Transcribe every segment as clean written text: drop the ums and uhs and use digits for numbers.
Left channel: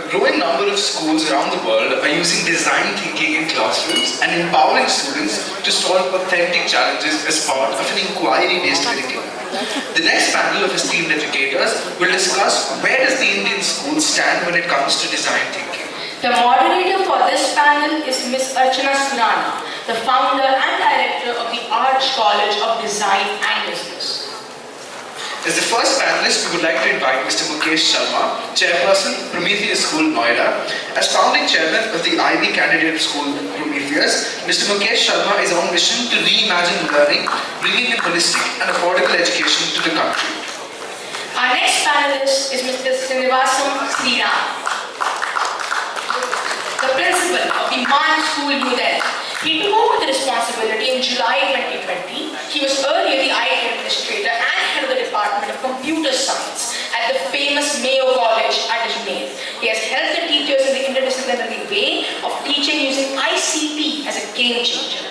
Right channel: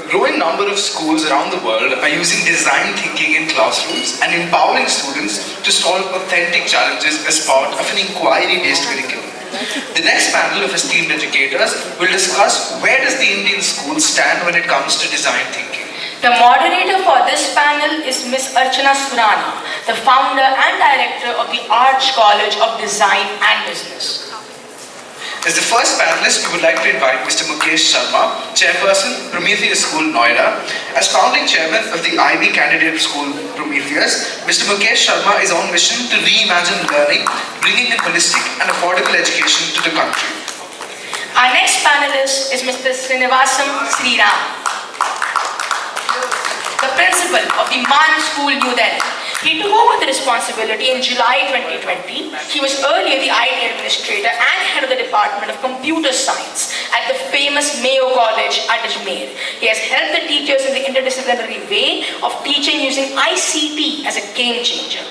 A growing number of schools around the world are using design thinking in classrooms and empowering students to solve authentic challenges as part of an inquiry-based curriculum. The next panel of esteemed educators will discuss where does the Indian school stand when it comes to design thinking. The moderator for this panel is Ms. Archana Surana, the founder and director of the Arch College of Design and Business. As the first panelist, we would like to invite Mr. Mukesh Sharma, Chairperson, Prometheus School, Noida. As founding chairman of the IB candidate school, Prometheus, Mr. Mukesh Sharma is on mission to reimagine learning, bringing in holistic and affordable education to the country. Our next panelist is Mr. Srinivasam Sriram, the principal of the Mann School, New Delhi. He took over the responsibility in July 2020. He was earlier the IT administrator and head of the Department of Computer Science at the famous Mayo College at Ajmer. He has helped the teachers in the interdisciplinary way of teaching using ICT as a game changer.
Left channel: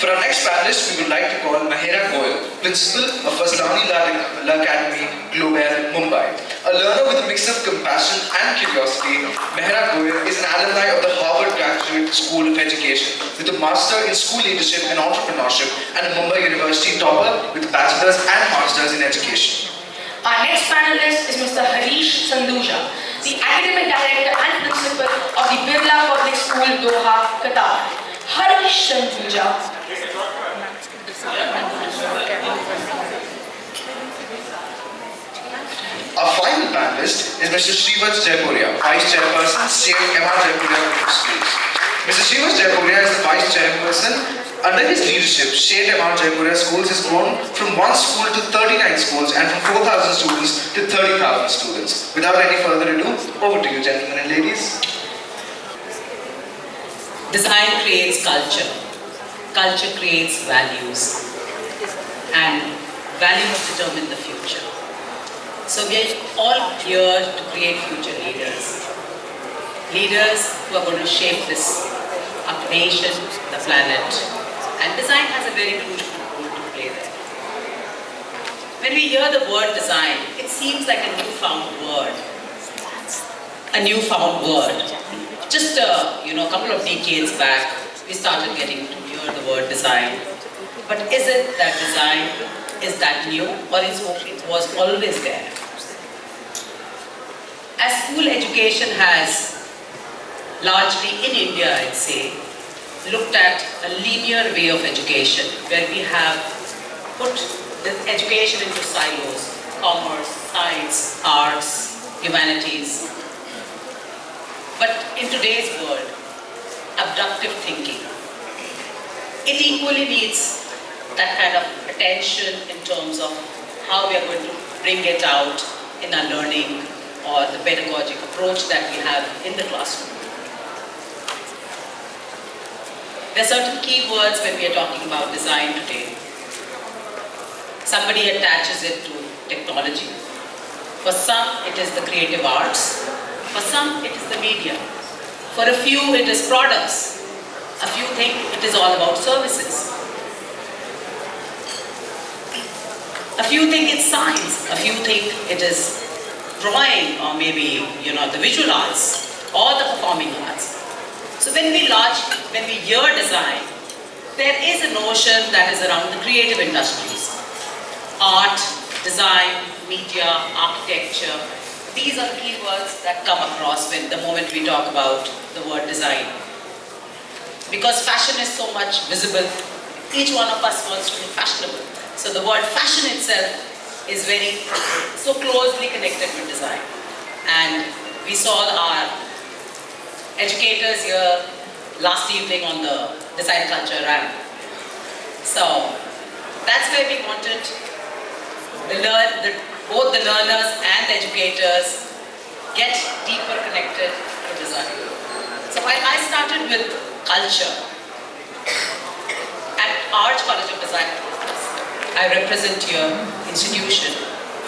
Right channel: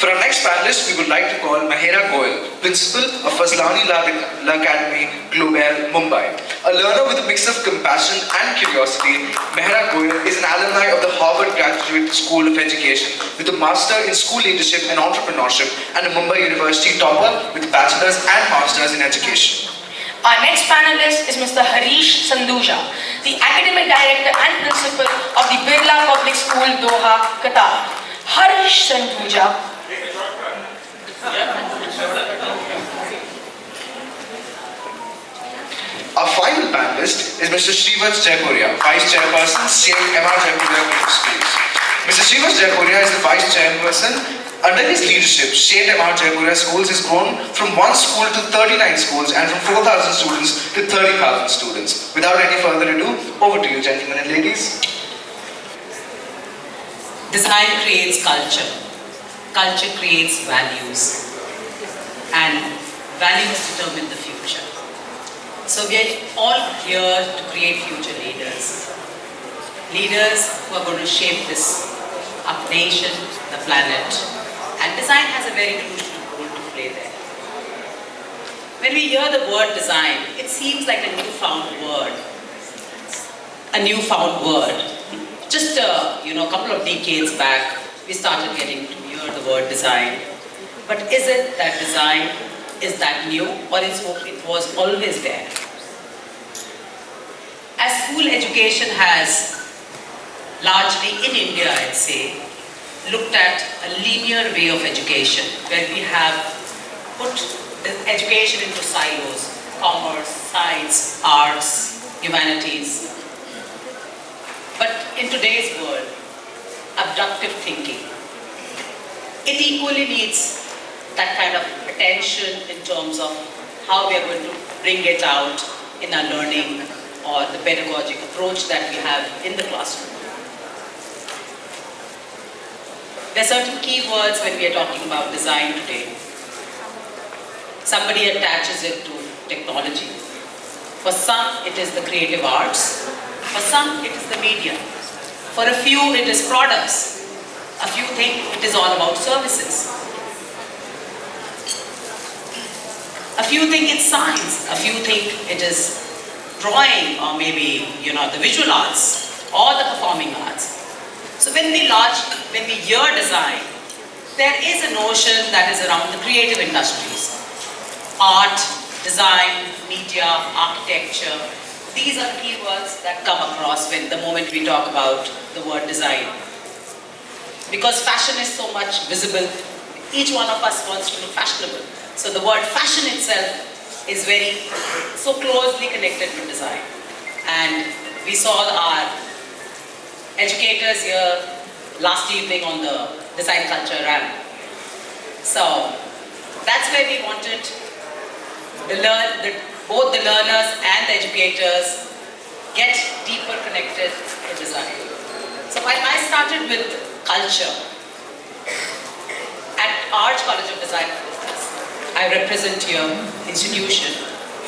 For our next panelist, we would like to call Mahera Goel, principal of Fazlani La Academy, Globale, Mumbai. A learner with a mix of compassion and curiosity, Mahera Goel is an alumni of the Harvard Graduate School of Education with a master in school leadership and entrepreneurship and a Mumbai University topper with bachelor's and master's in education. Our next panelist is Mr. Harish Sanduja, the academic director and principal of the Birla Public School, Doha, Qatar. Harish Sanduja. Our final panelist is Mr. Shreevats Jaipuria, Vice Chairperson, Jaipuria Group Schools. Mr. Shreevats Jaipuria is the Vice Chairperson. Under his leadership, Jaipuria Schools has grown from one school to 39 schools and from 4,000 students to 30,000 students. Without any further ado, over to you, gentlemen and ladies. Design creates culture. Culture creates values. And values determine the future. So we are all here to create future leaders. Leaders who are going to shape this our nation, the planet. And design has a very crucial role to play there. When we hear the word design, it seems like a newfound word. A newfound word. Just a couple of decades back, we started getting to hear the word design. But is it that design is that new, or it was always there? As school education has largely in India, I'd say, looked at a linear way of education, where we have put the education into silos: commerce, science, arts, humanities. But in today's world, abductive thinking, it equally needs that kind of attention in terms of how we are going to bring it out in our learning or the pedagogic approach that we have in the classroom. There are certain keywords when we are talking about design today. Somebody attaches it to technology. For some, it is the creative arts. For some, it is the media. For a few, it is products. A few think it is all about services. A few think it's science. A few think it is drawing, or maybe the visual arts or the performing arts. So when we hear design, there is a notion that is around the creative industries. Art, design, media, architecture. These are the keywords that come across the moment we talk about the word design. Because fashion is so much visible, each one of us wants to be fashionable. So the word fashion itself is so closely connected with design. And we saw our educators here last evening on the design culture ramp. So that's where we wanted both the learners and the educators get deeper connected to design. So while I started with culture at Arch College of Design and Business, I represent your institution.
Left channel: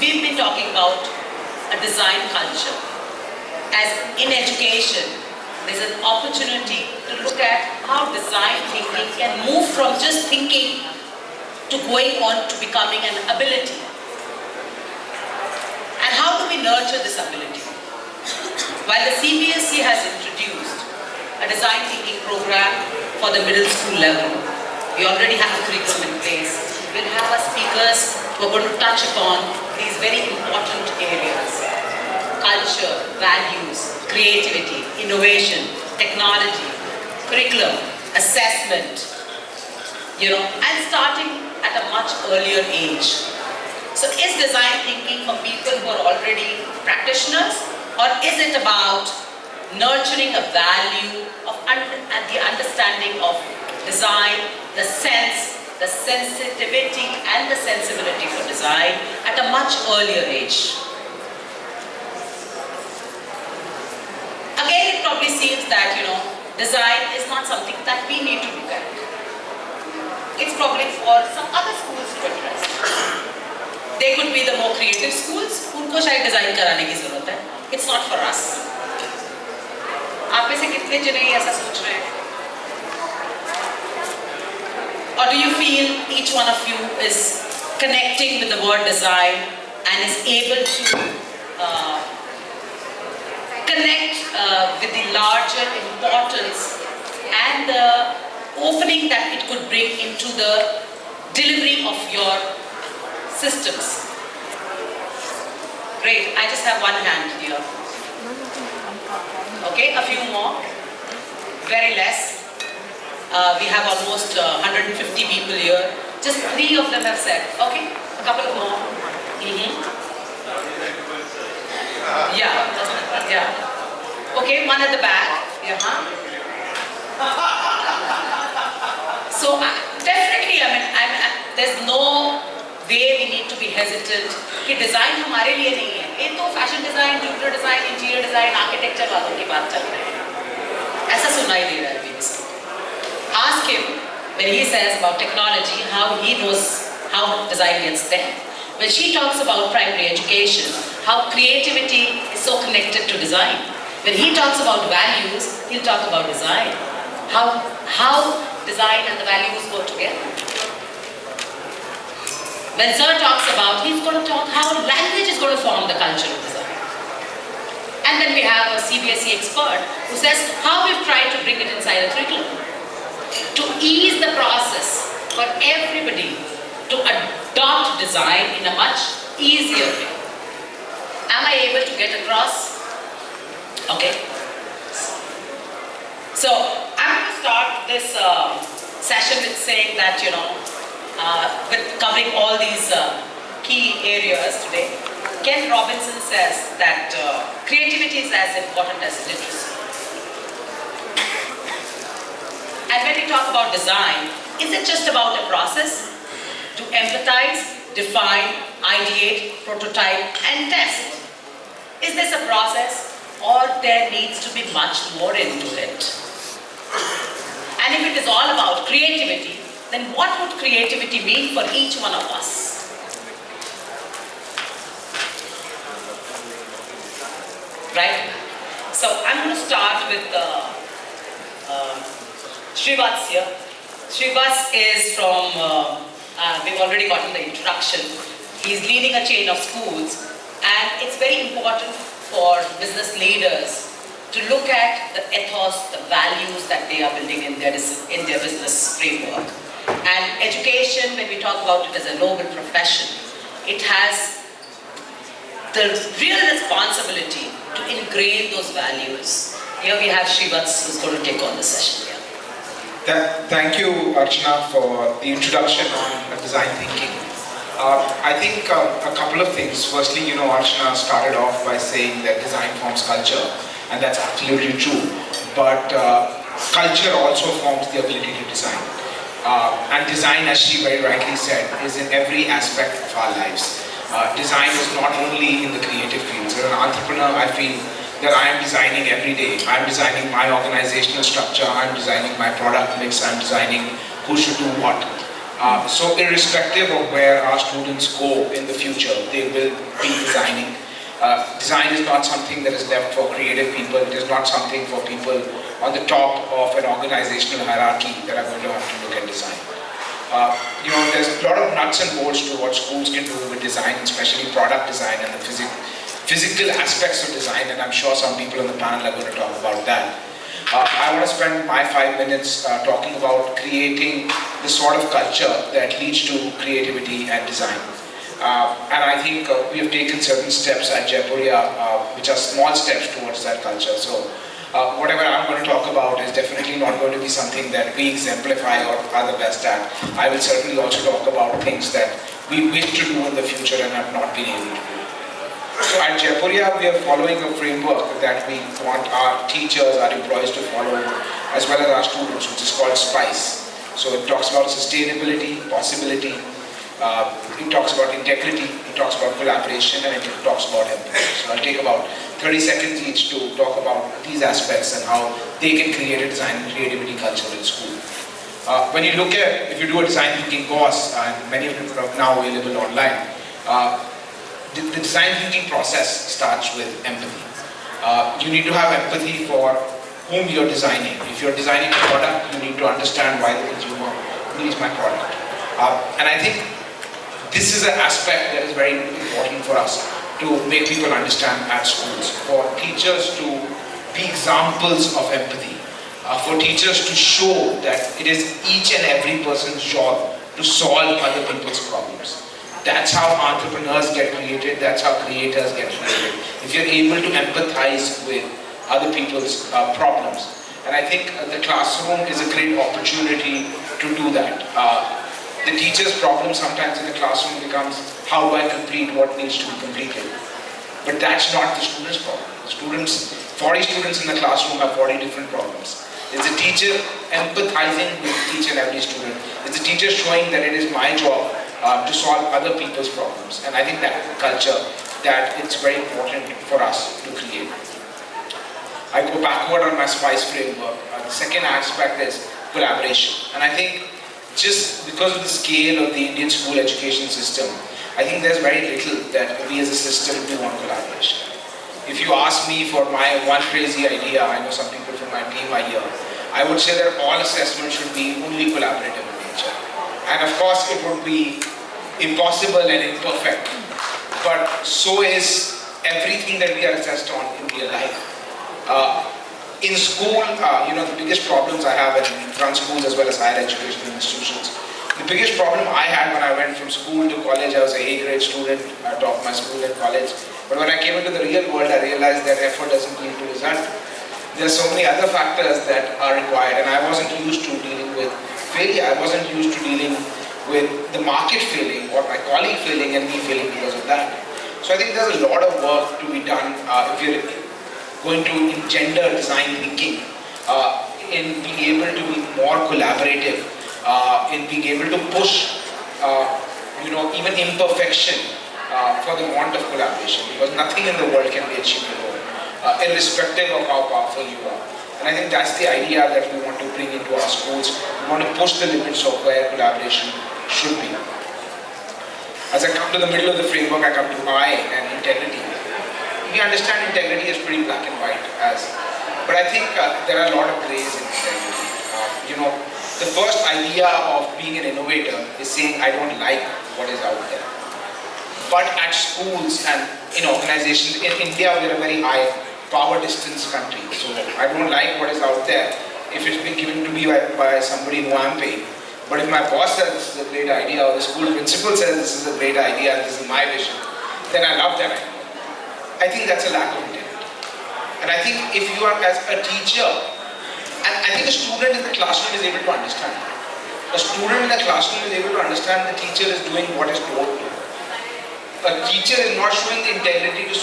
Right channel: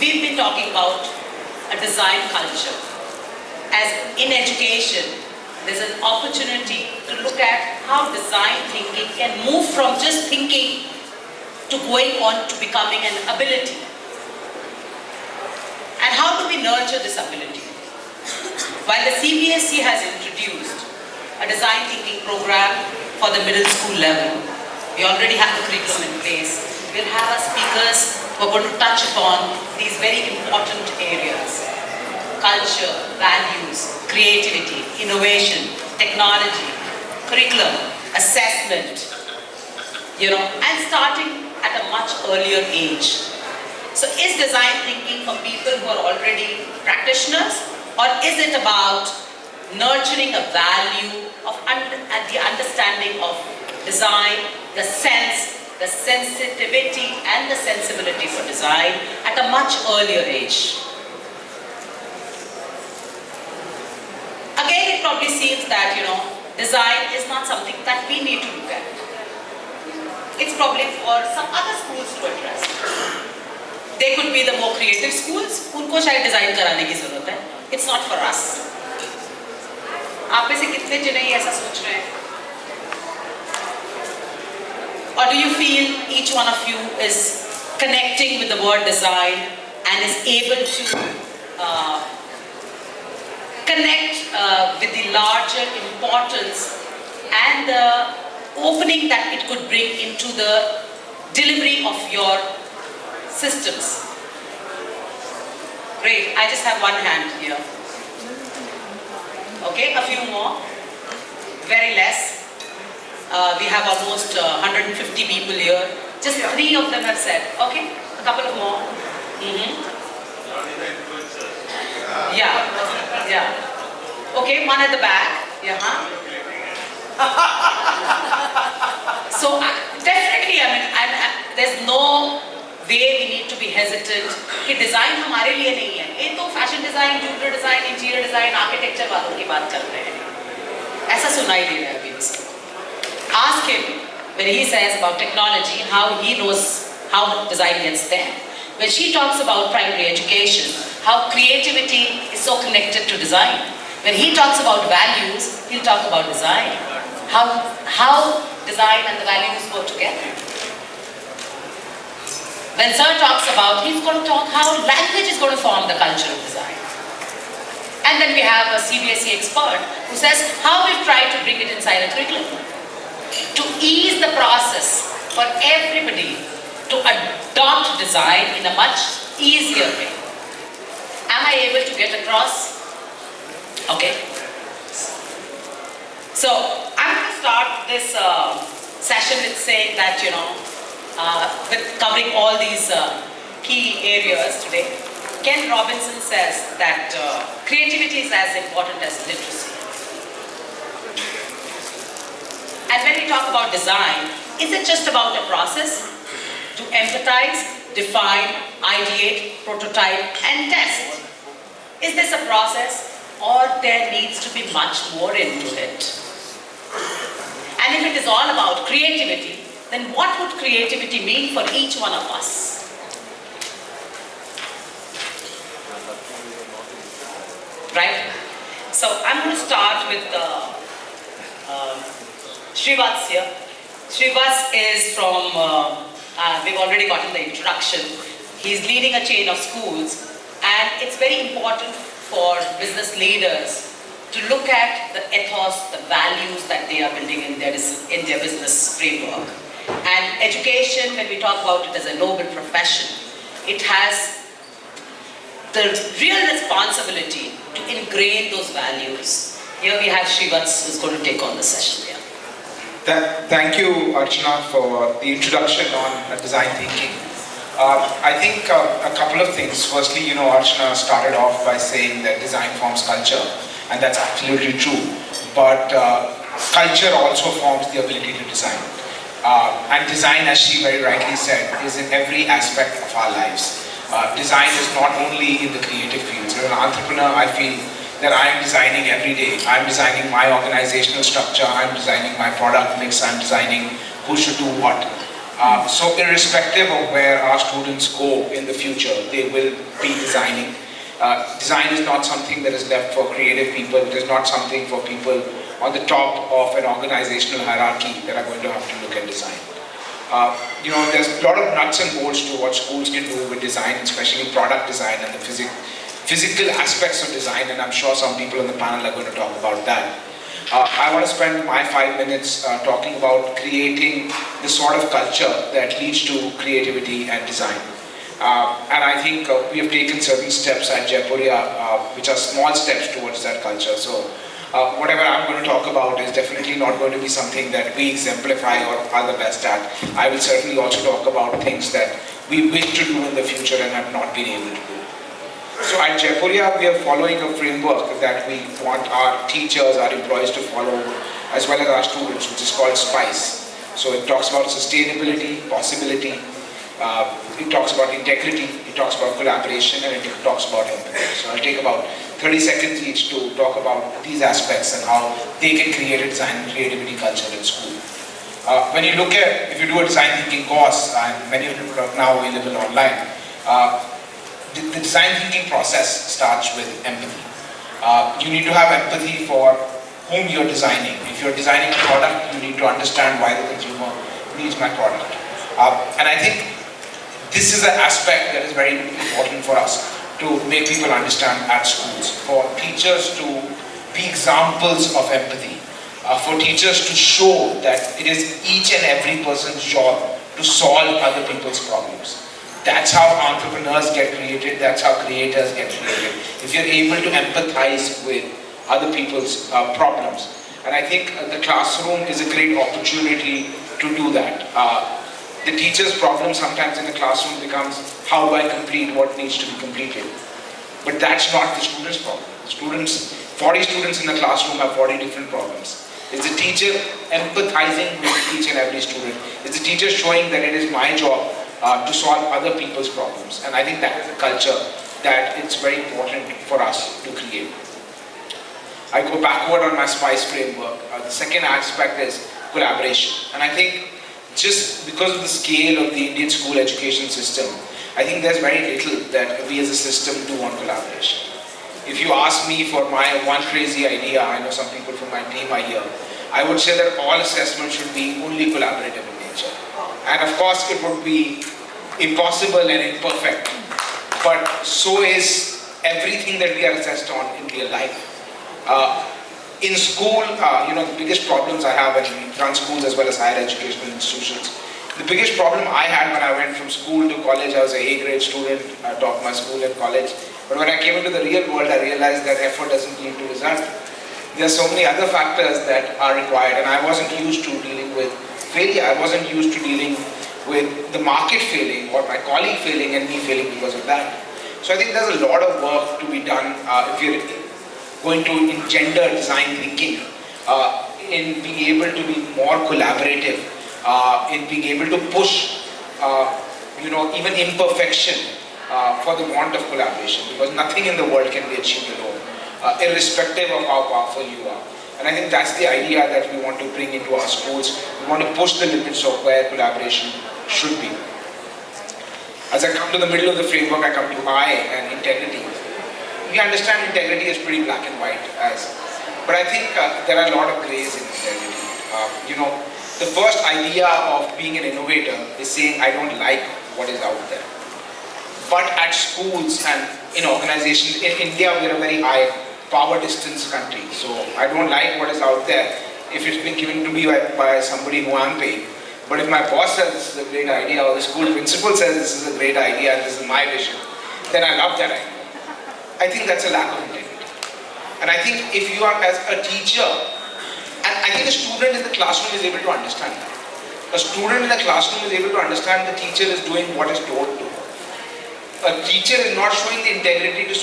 We've been talking about a design culture. As in education, there's an opportunity to look at how design thinking can move from just thinking to going on to becoming an ability. And how do we nurture this ability? While the CBSE has introduced a design thinking program for the middle school level, we already have a curriculum in place. We'll have our speakers who are going to touch upon these very important areas: culture, values, creativity, innovation, technology, curriculum, assessment, and starting at a much earlier age. So is design thinking for people who are already practitioners, or is it about nurturing a value of and the understanding of design, the sense, the sensitivity and the sensibilities of design at a much earlier age? Again, it probably seems that, design is not something that we need to look at. It's probably for some other schools to address. They could be the more creative schools, उनको शायद design कराने की ज़रूरत है. It's not for us. आप में से कितने जने ऐसा सोच रहे हैं? Or do you feel each one of you is connecting with the word design and is able to connect with the larger importance and the opening that it could bring into the delivery of your systems? Great, I just have one hand here. Okay, a few more. Very less. We have almost 150 people here. Just 3 of them have said. Okay, a couple more. Yeah. Okay, one at the back. Yeah. So definitely, there's no way we need to be hesitant कि design हमारे लिए नहीं है. ये तो fashion design, computer design, interior design, architecture वालों की बात चल रही है. ऐसा सुनाई दे रहा है अभी उसको. Ask him when he says about technology how he knows how design gets there. When she talks about primary education, how creativity is so connected to design. When he talks about values, he'll talk about design. How design and the values go together. When Sir talks about, he's going to talk how language is going to form the culture of design. And then we have a CBSE expert who says how we've tried to bring it inside a curriculum to ease the process for everybody to adopt design in a much easier way. Am I able to get across? Okay. So I'm going to start this session with saying that, with covering all these key areas today, Ken Robinson says that creativity is as important as literacy. And when we talk about design, is it just about a process to empathize, define, ideate, prototype, and test? Is this a process, or there needs to be much more into it? And if it is all about creativity, then what would creativity mean for each one of us? Right? So I'm going to start with Shreevats here. Shreevats is from, we've already gotten the introduction. He's leading a chain of schools, and it's very important for business leaders to look at the ethos, the values that they are building in their business framework. And education, when we talk about it as a noble profession, it has the real responsibility to ingrain those values. Here we have Shreevats who's going to take on the session. Thank you, Archana, for the introduction on design thinking. I think a couple of things. Firstly, Archana started off by saying that design forms culture, and that's absolutely true. But culture also forms the ability to design. And design, as she very rightly said, is in every aspect of our lives. Design is not only in the creative fields. As an entrepreneur, I feel that I am designing every day. I'm designing my organizational structure, I'm designing my product mix, I'm designing who should do what. So irrespective of where our students go in the future, they will be designing. Design is not something that is left for creative people. It is not something for people on the top of an organizational hierarchy that are going to have to look at design. There's a lot of nuts and bolts to what schools can do with design, especially product design and the physical aspects of design, and I'm sure some people on the panel are going to talk about that. I want to spend my 5 minutes talking about creating the sort of culture that leads to creativity and design. And I think we have taken certain steps at Jaipuria, which are small steps towards that culture. So whatever I'm going to talk about is definitely not going to be something that we exemplify or are the best at. I will certainly also talk about things that we wish to do in the future and have not been able to do. So at Jaipuria, we are following a framework that we want our teachers, our employees to follow, as well as our students, which is called SPICE. So it talks about sustainability, possibility, it talks about integrity, it talks about collaboration, and it talks about empathy. So I'll take about 30 seconds each to talk about these aspects and how they can create a design and creativity culture in school. When you look at, if you do a design thinking course, and many of them are now available online, the design thinking process starts with empathy. You need to have empathy for whom you're designing. If you're designing a product, you need to understand why the consumer needs my product. And I think this is an aspect that is very important for us to make people understand at schools. For teachers to be examples of empathy. For teachers to show that it is each and every person's job to solve other people's problems. That's how entrepreneurs get created, that's how creators get created. If you're able to empathize with other people's problems. And I think the classroom is a great opportunity to do that. The teacher's problem sometimes in the classroom becomes, how do I complete what needs to be completed? But that's not the student's problem. The students, 40 students in the classroom have 40 different problems. It's the teacher empathizing with each and every student. It's the teacher showing that it is my job to solve other people's problems. And I think that is a culture that it's very important for us to create. I go backward on my SPICE framework. The second aspect is collaboration. And I think just because of the scale of the Indian school education system, I think there's very little that we as a system do on collaboration. If you ask me for my one crazy idea, I know some people from my team are here, I would say that all assessment should be only collaborative in nature. And of course it would be impossible and imperfect, but so is everything that we are assessed on in real life. In school, the biggest problems I have, and we run schools as well as higher educational institutions, the biggest problem I had when I went from school to college, I was an A-grade student, I taught my school and college, but when I came into the real world, I realized that effort doesn't lead to result. There are so many other factors that are required, and I wasn't used to dealing with failure. I wasn't used to dealing with the market failing, or my colleague failing, and me failing because of that. So I think there's a lot of work to be done if you're going to engender design thinking, in being able to be more collaborative, in being able to push, even imperfection for the want of collaboration, because nothing in the world can be achieved alone, irrespective of how powerful you are. And I think that's the idea that we want to bring into our schools. We want to push the limits of where collaboration should be. As I come to the middle of the framework, I come to I and integrity. We understand integrity is pretty black and white, but I think there are a lot of grays in integrity. The first idea of being an innovator is saying I don't like what is out there. But at schools and in organizations, in India we are a very high power distance country, so I don't like what is out there if it's been given to me by somebody who I'm paying. But if my boss says this is a great idea, or the school principal says this is a great idea and this is my vision, then I love that idea. I think that's a lack of integrity. And I think if you are as a teacher, and I think a student in the classroom is able to understand. A student in the classroom is able to understand the teacher is doing what is told to. A teacher is not showing the integrity to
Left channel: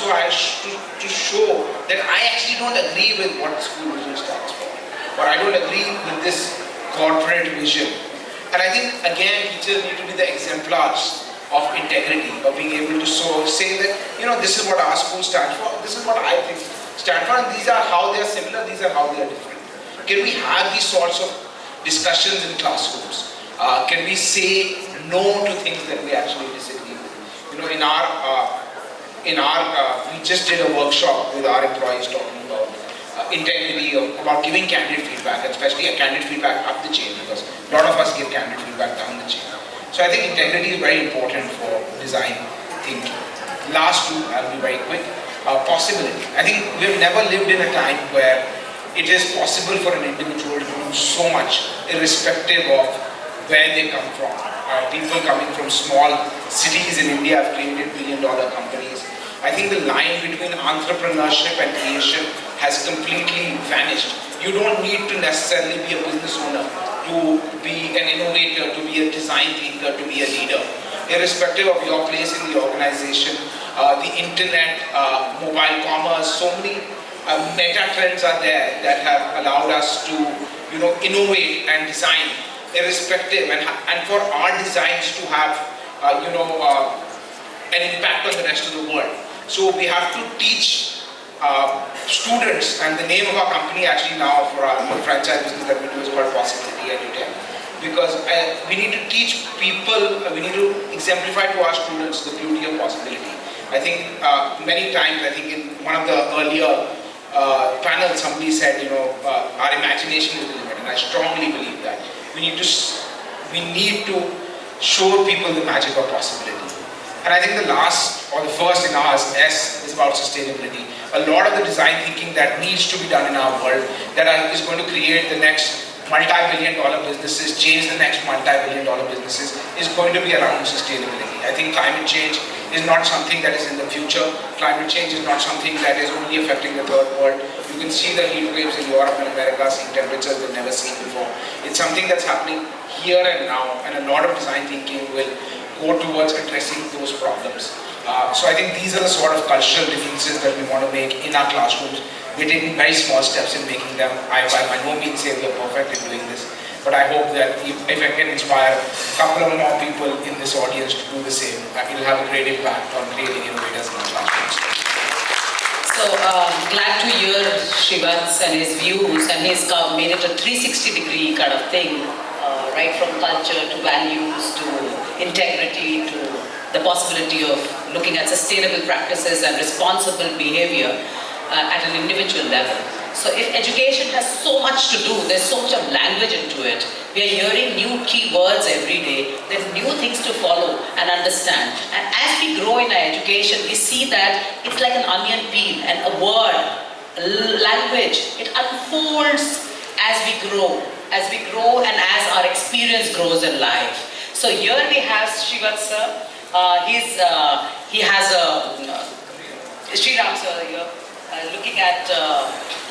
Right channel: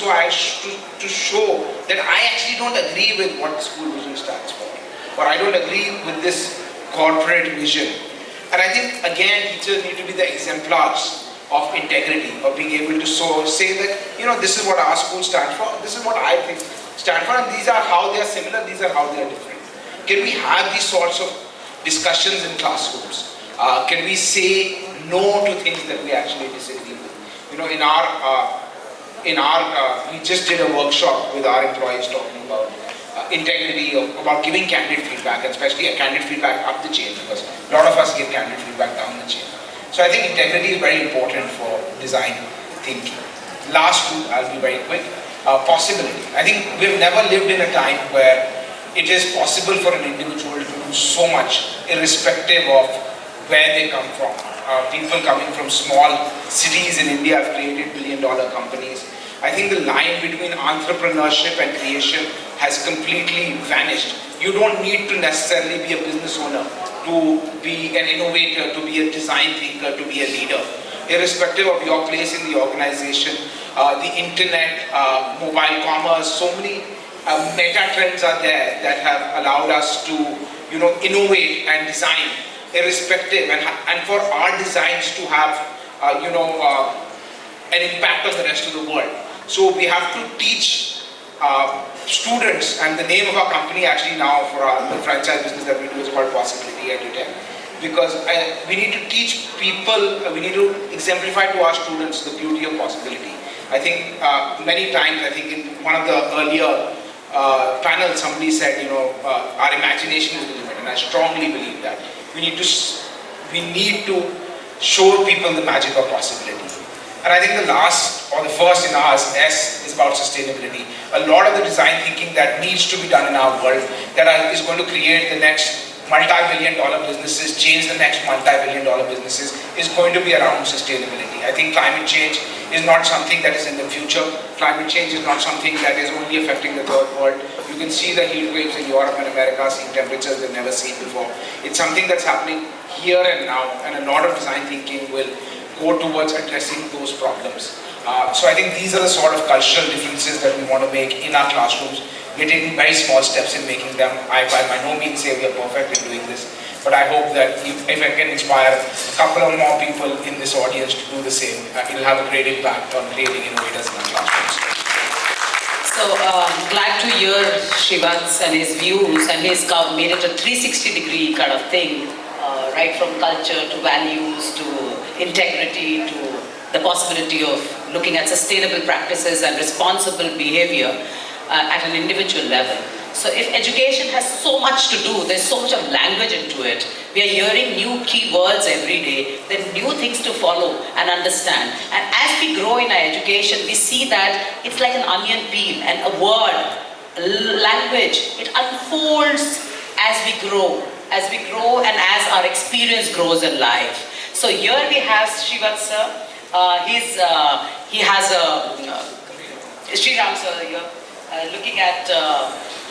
show that I actually don't agree with what the school vision stands for, or I don't agree with this corporate vision. And I think again teachers need to be the exemplars of integrity, of being able to say that, this is what our school stands for, this is what I think stand for, and these are how they are similar, these are how they are different. Can we have these sorts of discussions in classrooms? Can we say no to things that we actually disagree with? We just did a workshop with our employees talking about integrity, about giving candid feedback, and especially a candid feedback up the chain, because a lot of us give candid feedback down the chain. So I think integrity is very important for design thinking. Last two, I'll be very quick. possibility. I think we've never lived in a time where it is possible for an individual to do so much, irrespective of where they come from. People coming from small cities in India have created billion-dollar companies. I think the line between entrepreneurship and creation has completely vanished. You don't need to necessarily be a business owner to be an innovator, to be a design thinker, to be a leader. Irrespective of your place in the organization, the internet, mobile commerce, so many mega trends are there that have allowed us to, innovate and design, irrespective, and for our designs to have, an impact on the rest of the world. So we have to teach students, and the name of our company actually now for our franchise business that we do is called Possibility Edutech, because we need to teach people, we need to exemplify to our students the beauty of possibility. I think many times, I think in one of the earlier panels, somebody said, our imagination is the limit, and I strongly believe that. We need to show people the magic of possibility. And I think the last, or the first in ours, S, is about sustainability. A lot of the design thinking that needs to be done in our world that is going to create the next multi-billion-dollar businesses, change the next multi-billion-dollar businesses, is going to be around sustainability. I think climate change is not something that is in the future. Climate change is not something that is only affecting the third world. You can see the heat waves in Europe and America, seeing temperatures they've never seen before. It's something that's happening here and now, and a lot of design thinking will go towards addressing those problems. So I think these are the sort of cultural differences that we want to make in our classrooms. We're taking very small steps in making them. I by no means say we are perfect in doing this, but I hope that if I can inspire a couple of more people in this audience to do the same, it will have a great impact on creating innovators in our classrooms. So glad to hear Shreevats and his views, and he's made it a 360-degree kind of thing, right from culture to values to integrity to the possibility of looking at sustainable practices and responsible behavior at an individual level. So if education has so much to do, there's so much of language into it, we are hearing new key words every day, there are new things to follow and understand. And as we grow in our education, we see that it's like an onion peel, and a word, language, it unfolds as we grow and as our experience grows in life. So here we have Shreevats sir. He has a Sriram sir here, looking at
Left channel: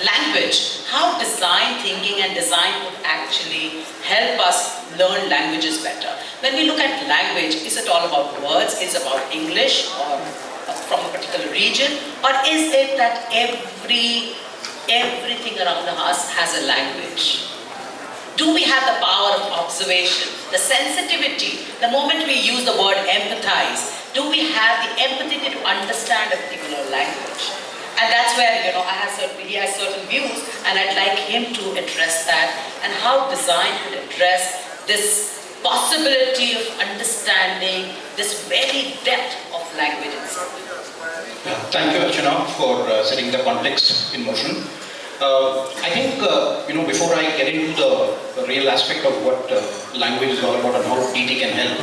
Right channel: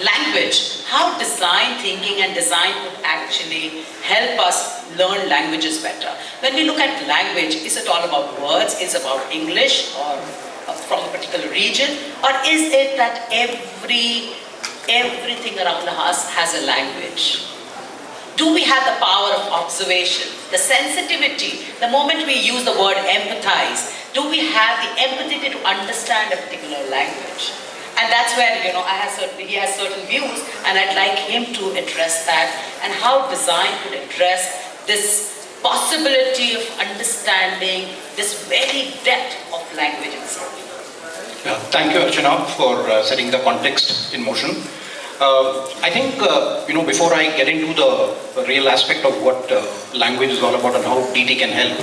language, how design thinking and design would actually help us learn languages better. When we look at language, is it all about words? Is it about English or from a particular region? Or is it that everything around us has a language? Do we have the power of observation, the sensitivity, the moment we use the word empathize, do we have the empathy to understand a particular language? And that's where, he has certain views, and I'd like him to address that, and how design could address this possibility of understanding this very depth of language itself. Yeah, thank you, Archana, for setting the context in motion. I think, before I get into the real aspect of what language is all about and how DT can help,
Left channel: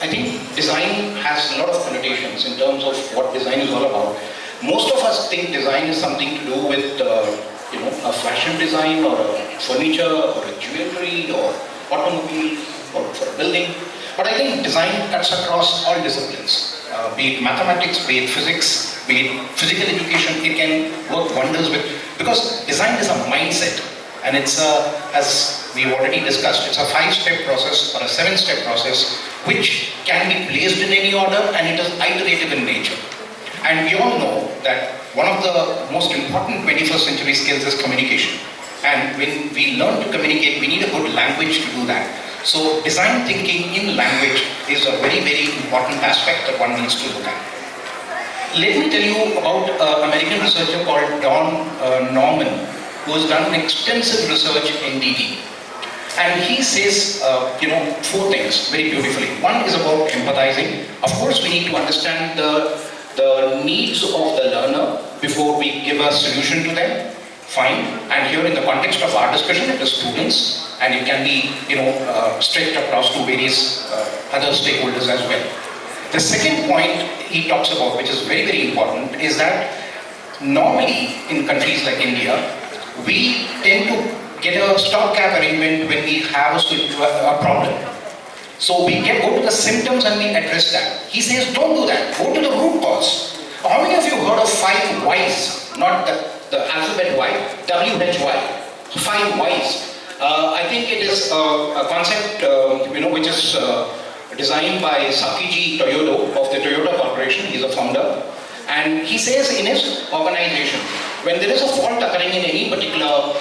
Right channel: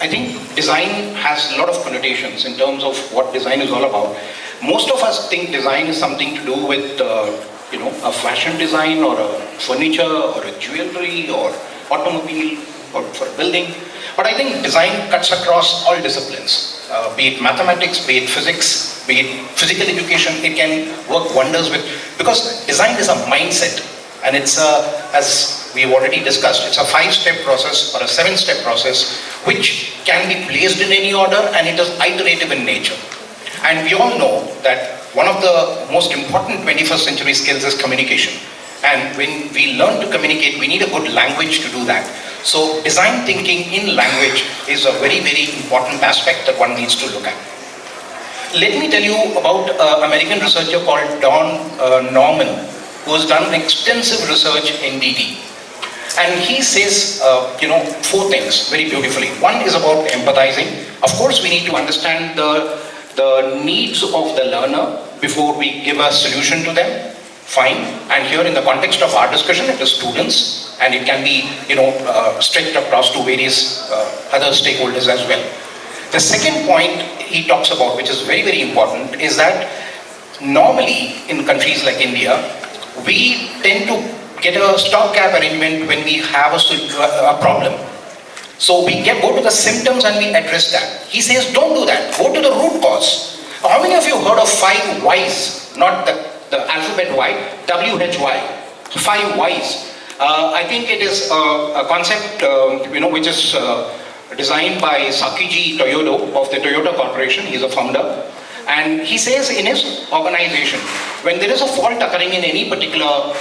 I think design has a lot of connotations in terms of what design is all about. Most of us think design is something to do with, a fashion design or a furniture or a jewelry or automobile or for a building. But I think design cuts across all disciplines, be it mathematics, be it physics, be it physical education. It can work wonders with, because design is a mindset, and it's as we've already discussed, it's a 5-step process or a 7-step process which can be placed in any order, and it is iterative in nature. And we all know that one of the most important 21st century skills is communication. And when we learn to communicate, we need a good language to do that. So design thinking in language is a very, very important aspect that one needs to look at. Let me tell you about an American researcher called Don Norman, who has done extensive research in DT. And he says, 4 things very beautifully. One is about empathizing. Of course, we need to understand the needs of the learner before we give a solution to them. Fine. And here in the context of our discussion, it is students, and it can be, stretched across to various other stakeholders as well. The second point he talks about, which is very, very important, is that normally in countries like India, we tend to get a stopgap arrangement when we have a problem. So we go to the symptoms and we address that. He says, don't do that. Go to the root cause. How many of you heard of 5 whys? Not the alphabet Y, WHY. 5 whys. I think it is a concept, which is designed by Sakiji Toyoda of the Toyota Corporation. He's a founder. And he says in his organization, when there is a fault occurring in any particular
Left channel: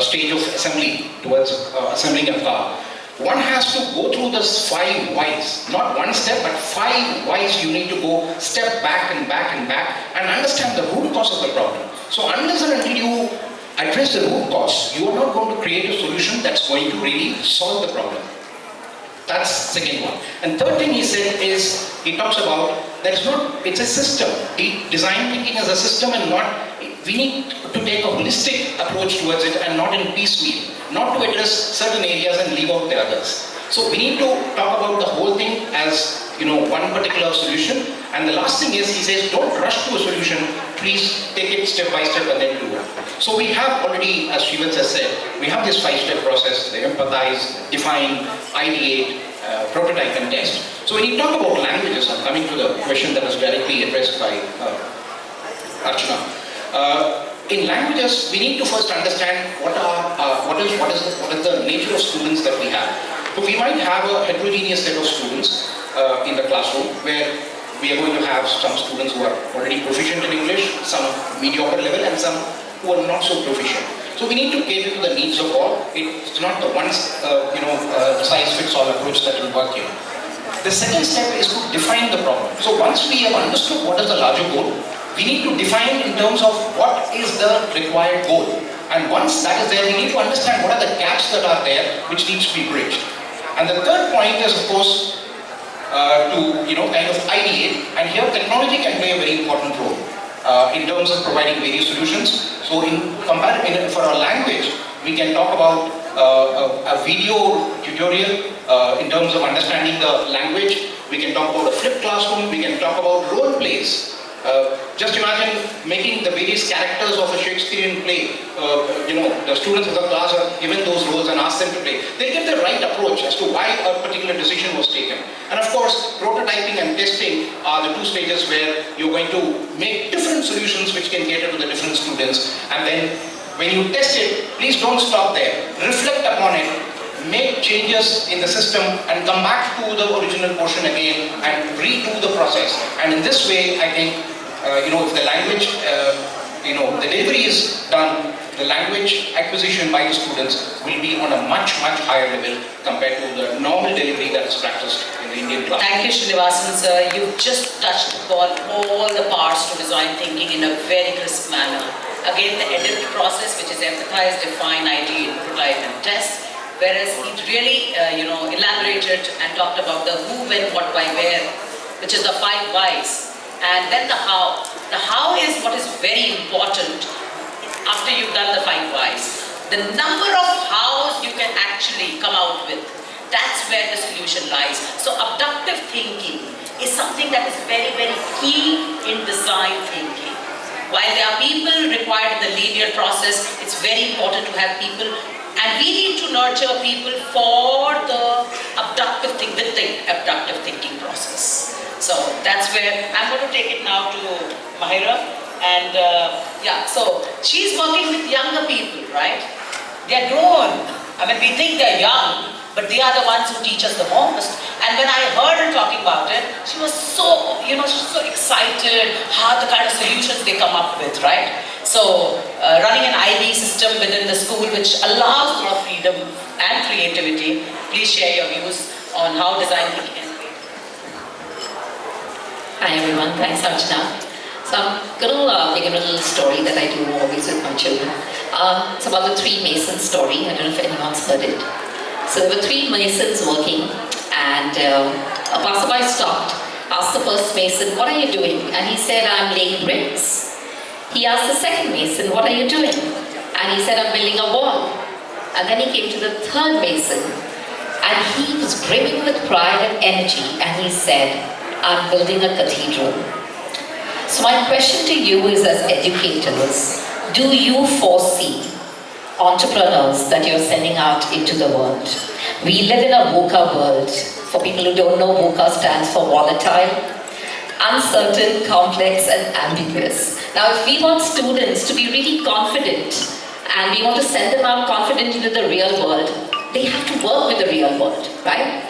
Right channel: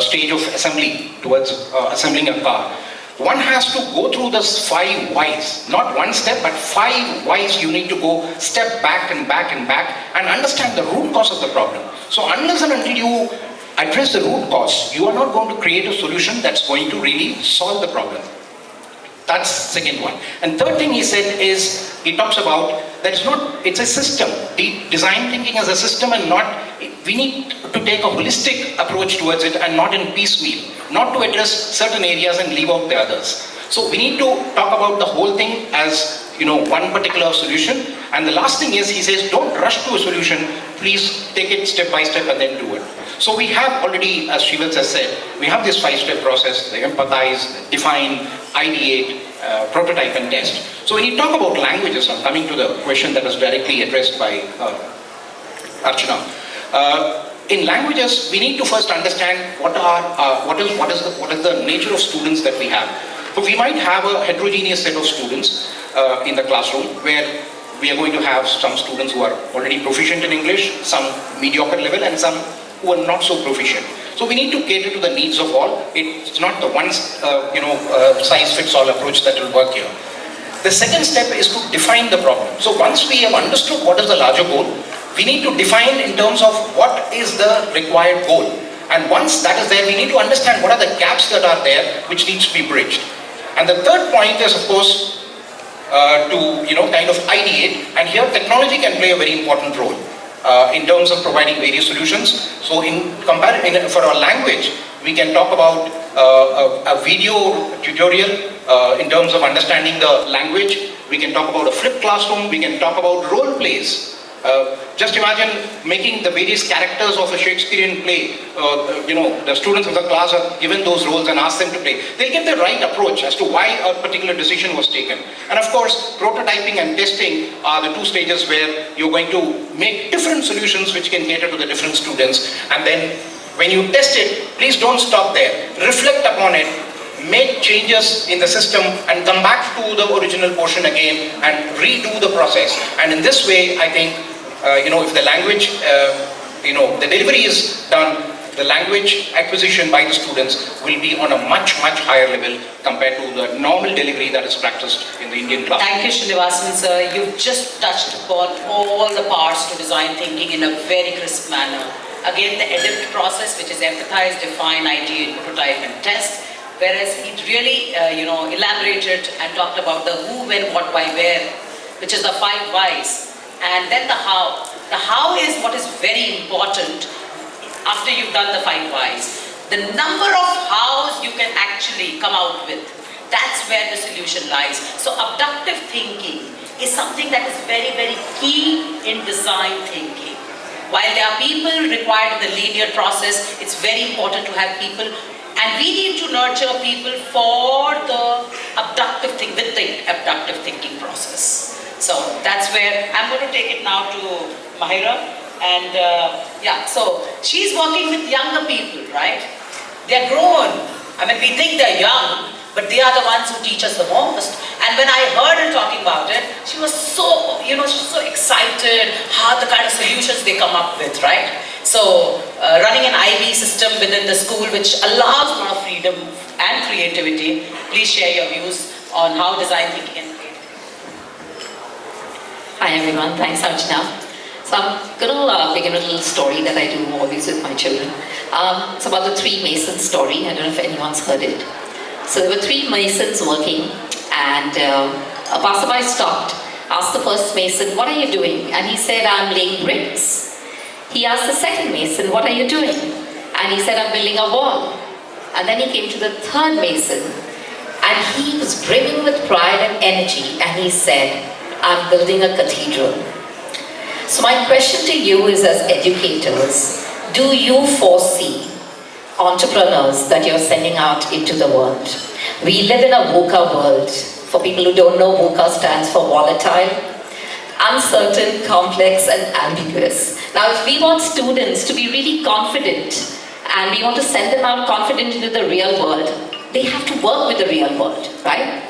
stage of assembly towards assembling a car, one has to go through this 5 whys. Not one step, but 5 whys. You need to go step back and back and back and understand the root cause of the problem. So unless and until you address the root cause, you are not going to create a solution that's going to really solve the problem. That's the second one. And third thing he said is, he talks about that it's a system. The design thinking is a system and we need to take a holistic approach towards it and not in piecemeal. Not to address certain areas and leave out the others. So we need to talk about the whole thing as, one particular solution. And the last thing is, he says, don't rush to a solution. Please take it step by step and then do it. So we have already, as Shreevats has said, we have this 5-step process: the empathize, define, ideate, prototype and test. So when you talk about languages, I'm coming to the question that was directly addressed by Archana. In languages, we need to first understand what is the nature of students that we have. So we might have a heterogeneous set of students in the classroom where we are going to have some students who are already proficient in English, some mediocre level, and some who are not so proficient. So we need to cater to the needs of all. It's not the one size fits all approach that will work here. The second step is to define the problem. So once we have understood what is the larger goal, we need to define in terms of what is the required goal. And once that is there, we need to understand what are the gaps that are there which needs to be bridged. And the third point is, of course, to kind of ideate. And here technology can play a very important role in terms of providing various solutions. So for our language, we can talk about a video tutorial in terms of understanding the language. We can talk about a flipped classroom. We can talk about role plays. Just imagine making the various characters of a Shakespearean play. The students of the class are given those roles and asked them to play. They'll get the right approach as to why a particular decision was taken. And of course, prototyping and testing are the 2 stages where you're going to make different solutions which can cater to the different students. And then when you test it, please don't stop there. Reflect upon it. Make changes in the system and come back to the original portion again and redo the process. And in this way, I think, if the language, the delivery is done, the language acquisition by the students will be on a much, much higher level compared to the normal delivery that is practiced in the Indian class. Thank you, Srinivasan sir. You've just touched upon all the parts to design thinking in a very crisp manner. Again, the EDIT process, which is empathize, define, ideate, prototype and test. Whereas he really, elaborated and talked about the who, when, what, why, where, which is the 5 whys. And then the how. The how is what is very important after you've done the 5 whys. The number of hows you can actually come out with, that's where the solution lies. So abductive thinking is something that is very, very key in design thinking. While there are people required in the linear process, it's very important to have people. And we need to nurture people for the abductive thinking process. So that's where I'm going to take it now to Mahera. And so she's working with younger people, right? They're grown. I mean, we think they're young, but they are the ones who teach us the most. And when I heard her talking about it, she was so, so excited how the kind of solutions they come up with, right? So, running an IB system within the school which allows more freedom and creativity. Please share your views on how design thinking can create. Hi everyone, thanks Archana. So I'm going to begin with a little story that I do always with my children. It's about the 3 Masons story. I don't know if anyone's heard it. So there were 3 Masons working and a passerby stopped, asked the first Mason, what are you doing? And he said, I'm laying bricks. He asked the second Mason, what are you doing? And he said, I'm building a wall. And then he came to the third Mason and he was brimming with pride and energy and he said, I'm building a cathedral. So my question to you is, as educators, do you foresee entrepreneurs that you're sending out into the world? We live in a VUCA world. For people who don't know, VUCA stands for volatile, uncertain, complex, and ambiguous. Now, if we want students to be really confident and we want to send them out confident into the real world, they have to work with the real world, right?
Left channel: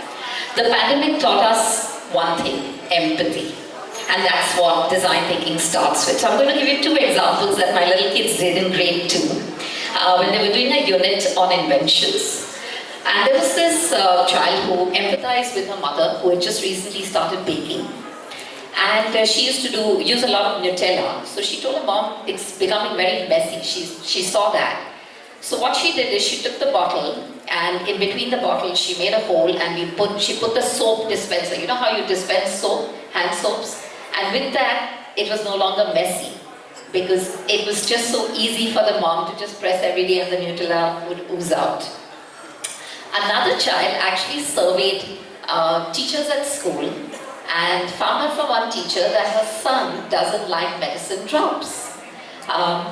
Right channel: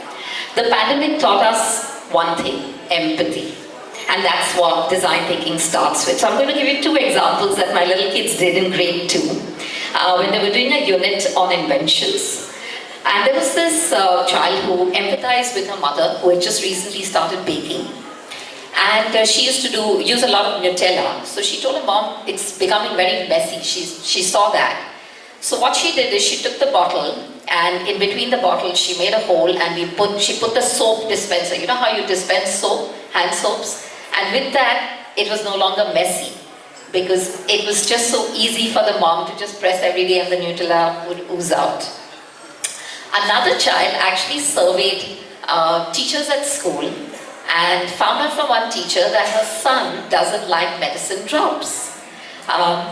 The pandemic taught us one thing: empathy. And that's what design thinking starts with. So I'm going to give you 2 examples that my little kids did in grade 2 when they were doing a unit on inventions. And there was this child who empathized with her mother, who had just recently started baking. And she used to use a lot of Nutella. So she told her mom, it's becoming very messy. She saw that. So what she did is she took the bottle, and in between the bottles she made a hole, and she put the soap dispenser. You know how you dispense soap, hand soaps? And with that, it was no longer messy, because it was just so easy for the mom to just press every day and the Nutella would ooze out. Another child actually surveyed teachers at school and found out from one teacher that her son doesn't like medicine drops.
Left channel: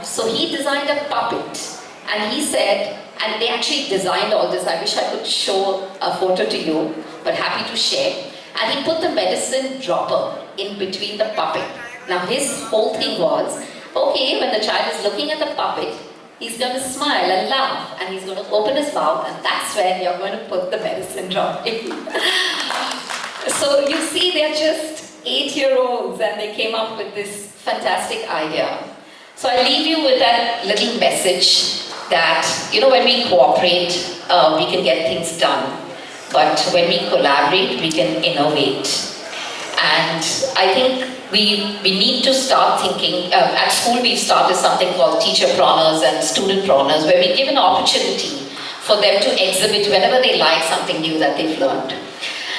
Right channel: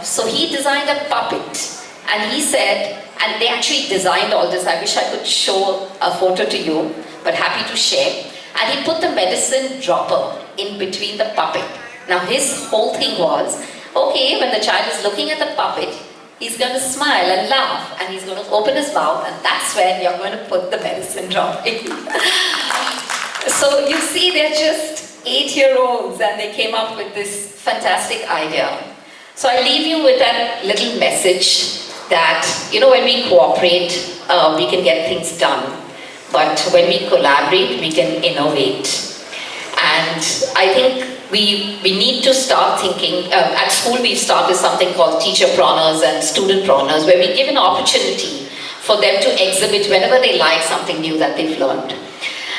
So he designed a puppet, and he said, and they actually designed all this. I wish I could show a photo to you, but happy to share. And he put the medicine dropper in between the puppet. Now his whole thing was, okay, when the child is looking at the puppet, he's going to smile and laugh, and he's going to open his mouth, and that's when you're going to put the medicine drop in. So you see, they're just 8-year-olds, and they came up with this fantastic idea. So I leave you with that little message that, when we cooperate, we can get things done. But when we collaborate, we can innovate. And I think we need to start thinking, at school we've started something called teacherpreneurs and studentpreneurs, where we give an opportunity for them to exhibit whenever they like something new that they've learned.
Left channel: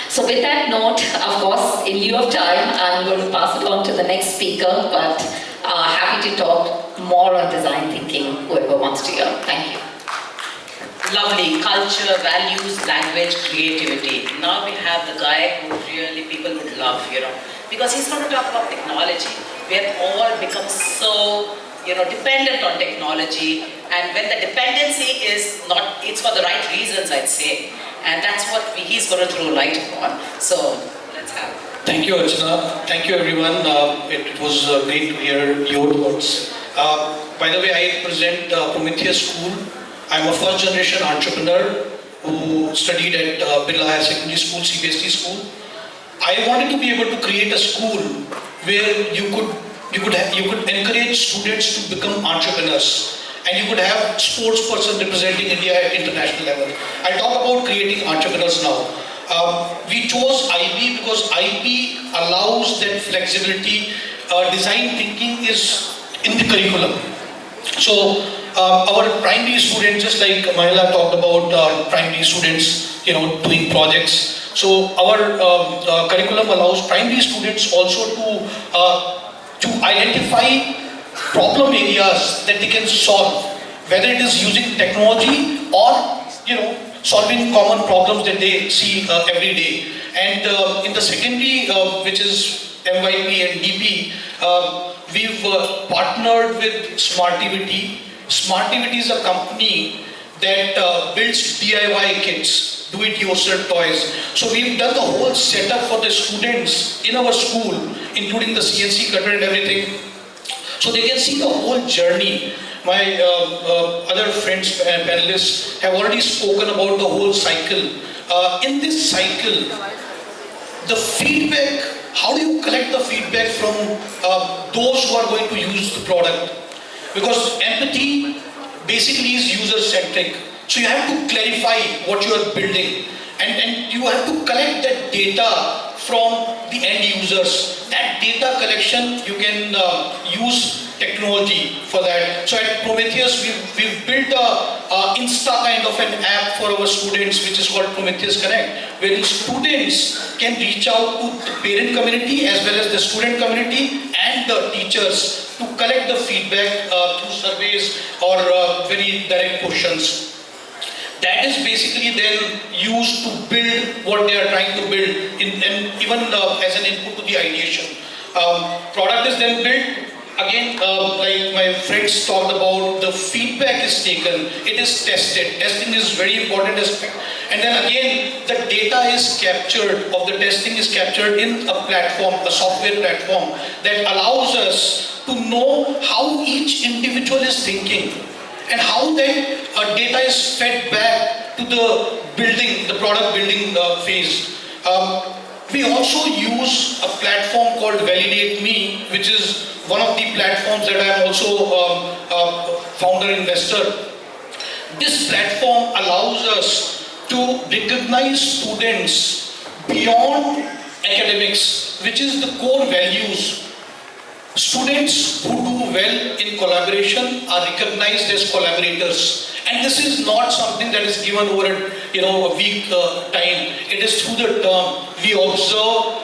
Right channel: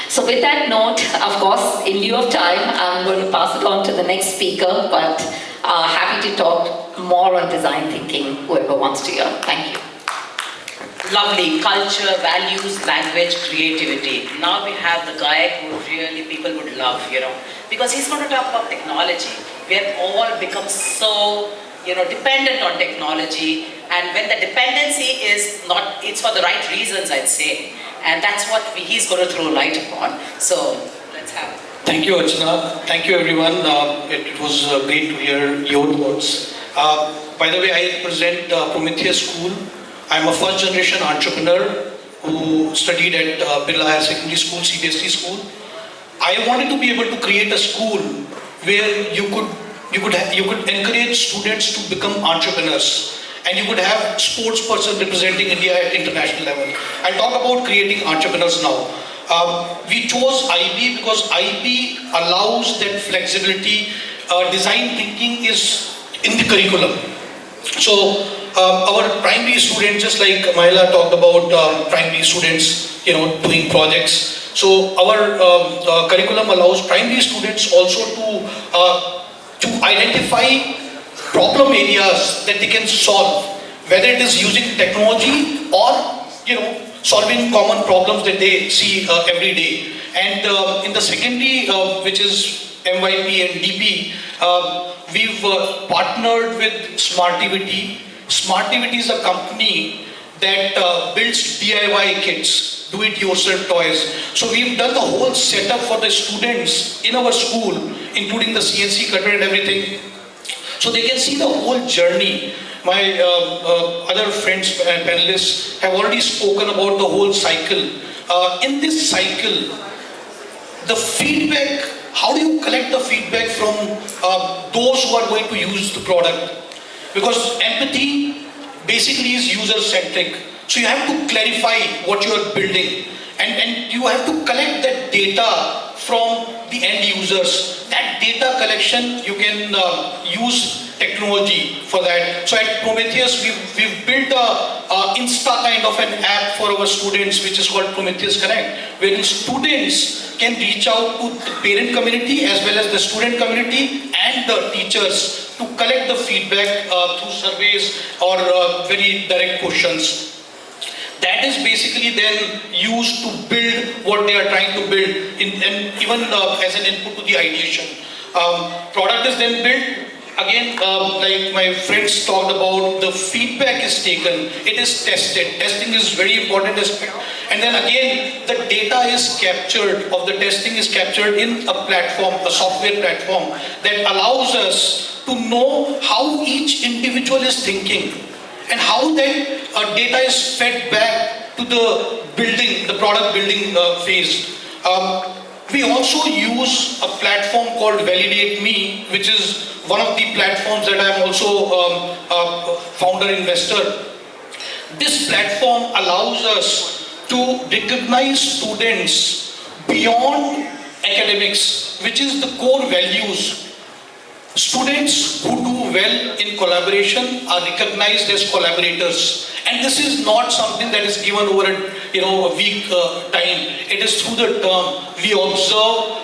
So with that note, of course, in lieu of time, I'm going to pass it on to the next speaker, but happy to talk more on design thinking, whoever wants to hear. Thank you. Lovely. Culture, values, language, creativity. Now we have the guy who really people would love, because he's going to talk about technology. We have all become so, dependent on technology, and when the dependency is not, it's for the right reasons, I'd say. And that's what he's going to throw light upon. So, let's have it. Thank you, Archana. Thank you, everyone. It was great to hear your thoughts. By the way, I represent Prometheus School. I'm a first-generation entrepreneur who studied at Birla Secondary School, CBSE school. I wanted to be able to create a school where you could encourage students to become entrepreneurs. And you could have sports person representing India at international level. I talk about creating entrepreneurs now. We chose IB because IB allows that flexibility. Design thinking is in the curriculum. So our primary students, just like Mahera talked about primary students, doing projects. So our curriculum allows primary students also to identify problem areas that they can solve, whether it is using technology or solving common problems that they see every day. And in the secondary, which is MYP and DP, we've partnered with Smartivity. Smartivity is a company that builds DIY kits, do-it-yourself toys. So we've done the whole setup for the students in our school, including the CNC cutter and everything. So they can see the whole journey. My other friends and panelists have already spoken about the whole cycle. In this cycle, the feedback, how do you collect the feedback from those who are going to use the product? Because empathy basically is user-centric. So you have to clarify what you are building, and you have to collect that data from the end users. That data collection, you can use technology for that. So at Prometheus, we've built a Insta kind of an app for our students, which is called Prometheus Connect, where the students can reach out to the parent community as well as the student community and the teachers to collect the feedback through surveys or very direct questions. That is basically then used to build what they are trying to build, and even as an input to the ideation. Product is then built. Again, like my friends talked about, the feedback is taken, it is tested. Testing is very important aspect. And then again, the data is captured, of the testing is captured in a platform, a software platform that allows us to know how each individual is thinking and how that data is fed back to the building, the product building phase. We also use a platform called Validate Me, which is one of the platforms that I am also a founder investor. This platform allows us to recognize students beyond academics, which is the core values. Students who do well in collaboration are recognized as collaborators. And this is not something that is given over a week time. It is through the term. We observe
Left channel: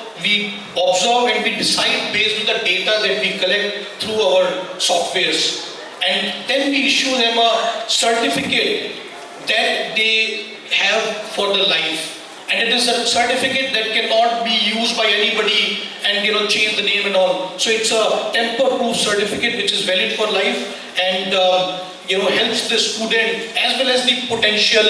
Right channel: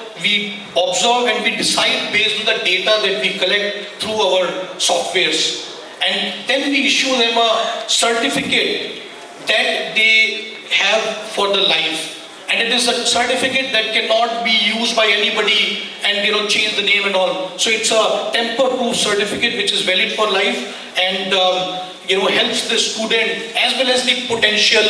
and we decide based on the data that we collect through our softwares. And then we issue them a certificate that they have for the life. And it is a certificate that cannot be used by anybody and change the name and all. So it's a tamper-proof certificate which is valid for life and helps the student as well as the potential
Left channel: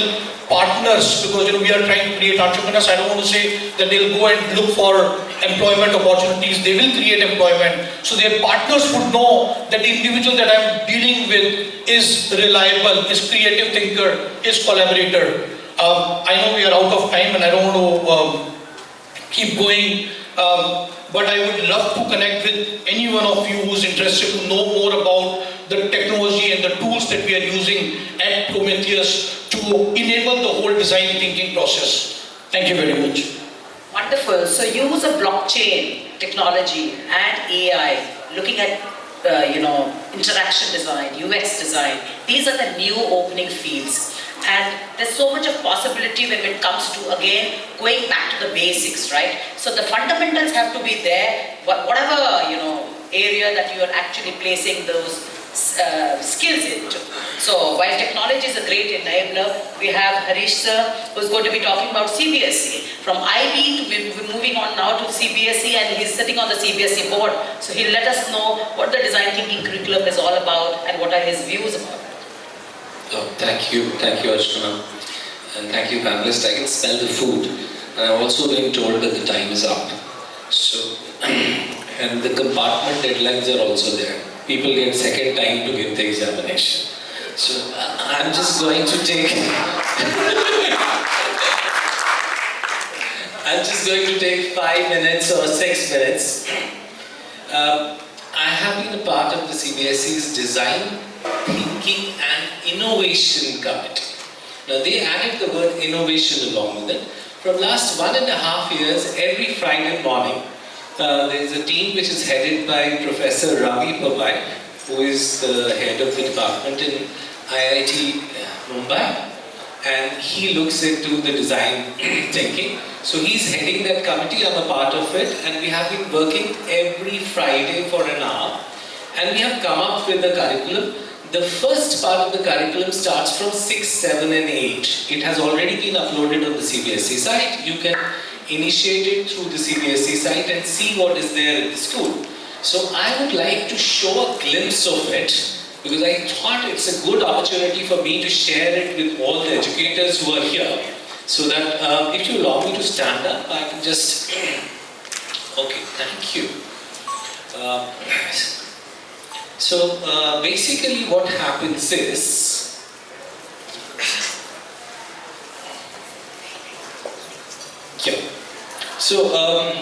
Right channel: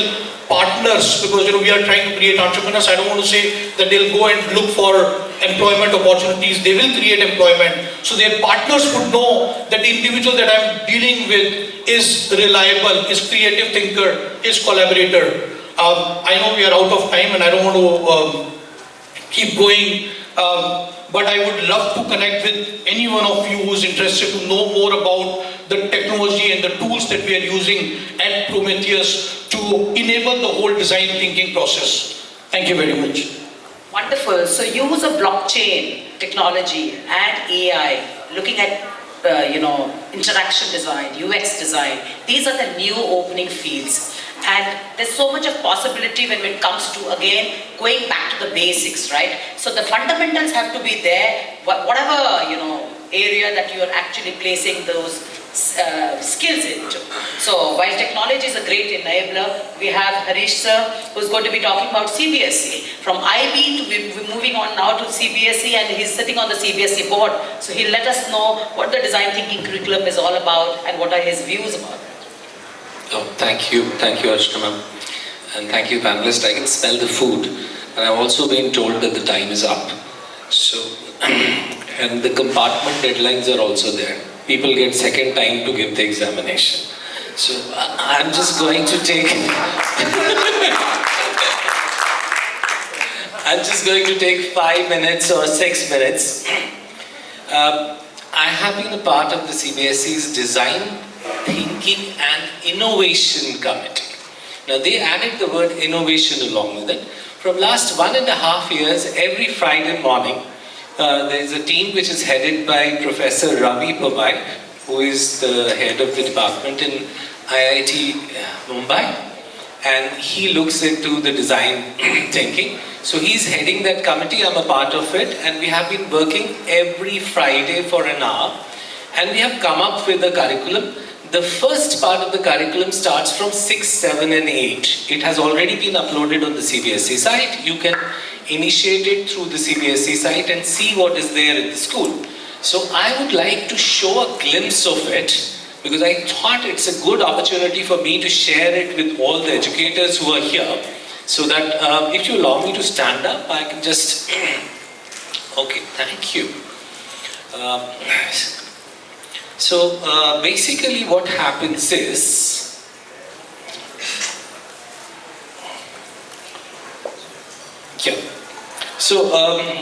partners, because we are trying to create entrepreneurs. I don't want to say that they'll go and look for employment opportunities. They will create employment. So their partners would know that the individual that I'm dealing with is reliable, is creative thinker, is collaborator. I know we are out of time and I don't want to keep going, but I would love to connect with any one of you who's interested to know more about the technology and the tools that we are using at Prometheus to enable the whole design thinking process. Thank you very much. Wonderful. So use of blockchain technology and AI, looking at interaction design, UX design. These are the new opening fields. And there's so much of possibility when it comes to, again, going back to the basics, right? So the fundamentals have to be there, whatever, area that you are actually placing those skills into. So while technology is a great enabler, we have Harish sir, who's going to be talking about CBSE. From IB to we're moving on now to CBSE, and he's sitting on the CBSE board. So he'll let us know what the design thinking curriculum is all about and what are his views about it. Oh, thank you, Archana, and thank you, panelists. I can smell the food, and I've also been told that the time is up. So, and the compartment deadlines are also there. People get second time to give the examination. So, I'm just going to take. I'm just going to take 5 minutes or 6 minutes. I have been a part of the CBSE's design, thinking and innovation committee. Now they added the word innovation along with it. From last 1.5 years, every Friday morning, there is a team which is headed by Professor Ravi Pawai, who is the head of the department in IIT Mumbai, and he looks into the design thinking. So he's heading that committee, I'm a part of it, and we have been working every Friday for an hour, and we have come up with a curriculum. The first part of the curriculum starts from 6, 7 and 8. It has already been uploaded on the CBSE site. You can initiate it through the CBSE site and see what is there in the school. So I would like to show a glimpse of it, because I thought it's a good opportunity for me to share it with all the educators who are here, so that if you allow me to stand up, I can just... Okay, thank you. So basically what happens is,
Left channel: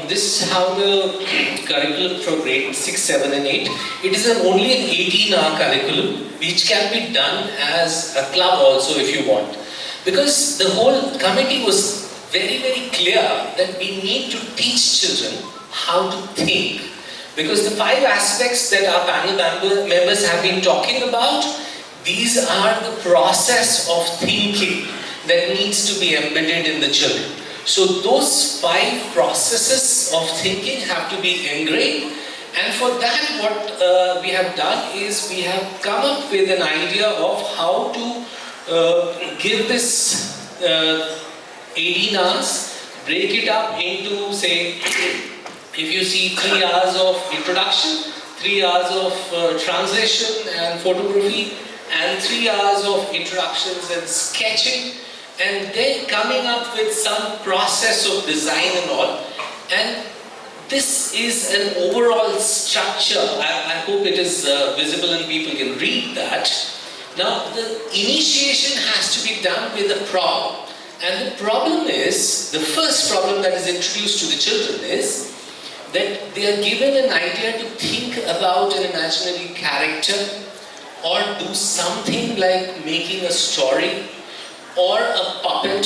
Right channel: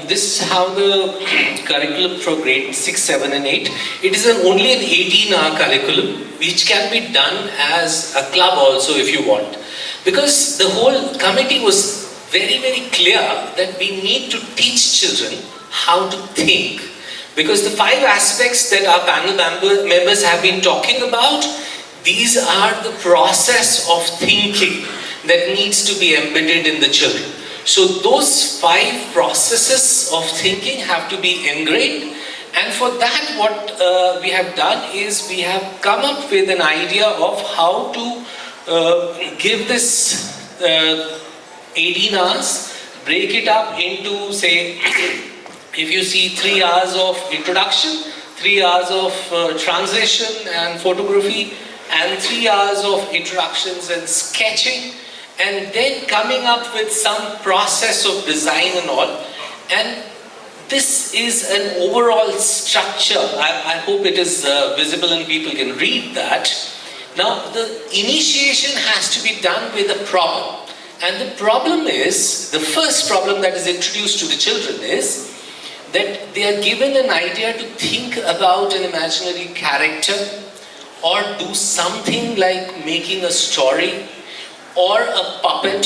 this is how the curriculum for grade 6, 7 and 8. It is only an 18-hour curriculum which can be done as a club also if you want. Because the whole committee was very, very clear that we need to teach children how to think. Because the 5 aspects that our panel members have been talking about, these are the process of thinking that needs to be embedded in the children. So those 5 processes of thinking have to be ingrained, and for that what we have done is we have come up with an idea of how to give this 18 hours, break it up into, say, if you see 3 hours of introduction, 3 hours of translation and photography, and 3 hours of introductions and sketching, and then coming up with some process of design and all. And this is an overall structure. I hope it is visible and people can read that. Now, the initiation has to be done with a problem. And the problem is, the first problem that is introduced to the children is that they are given an idea to think about an imaginary character or do something like making a story or a puppet,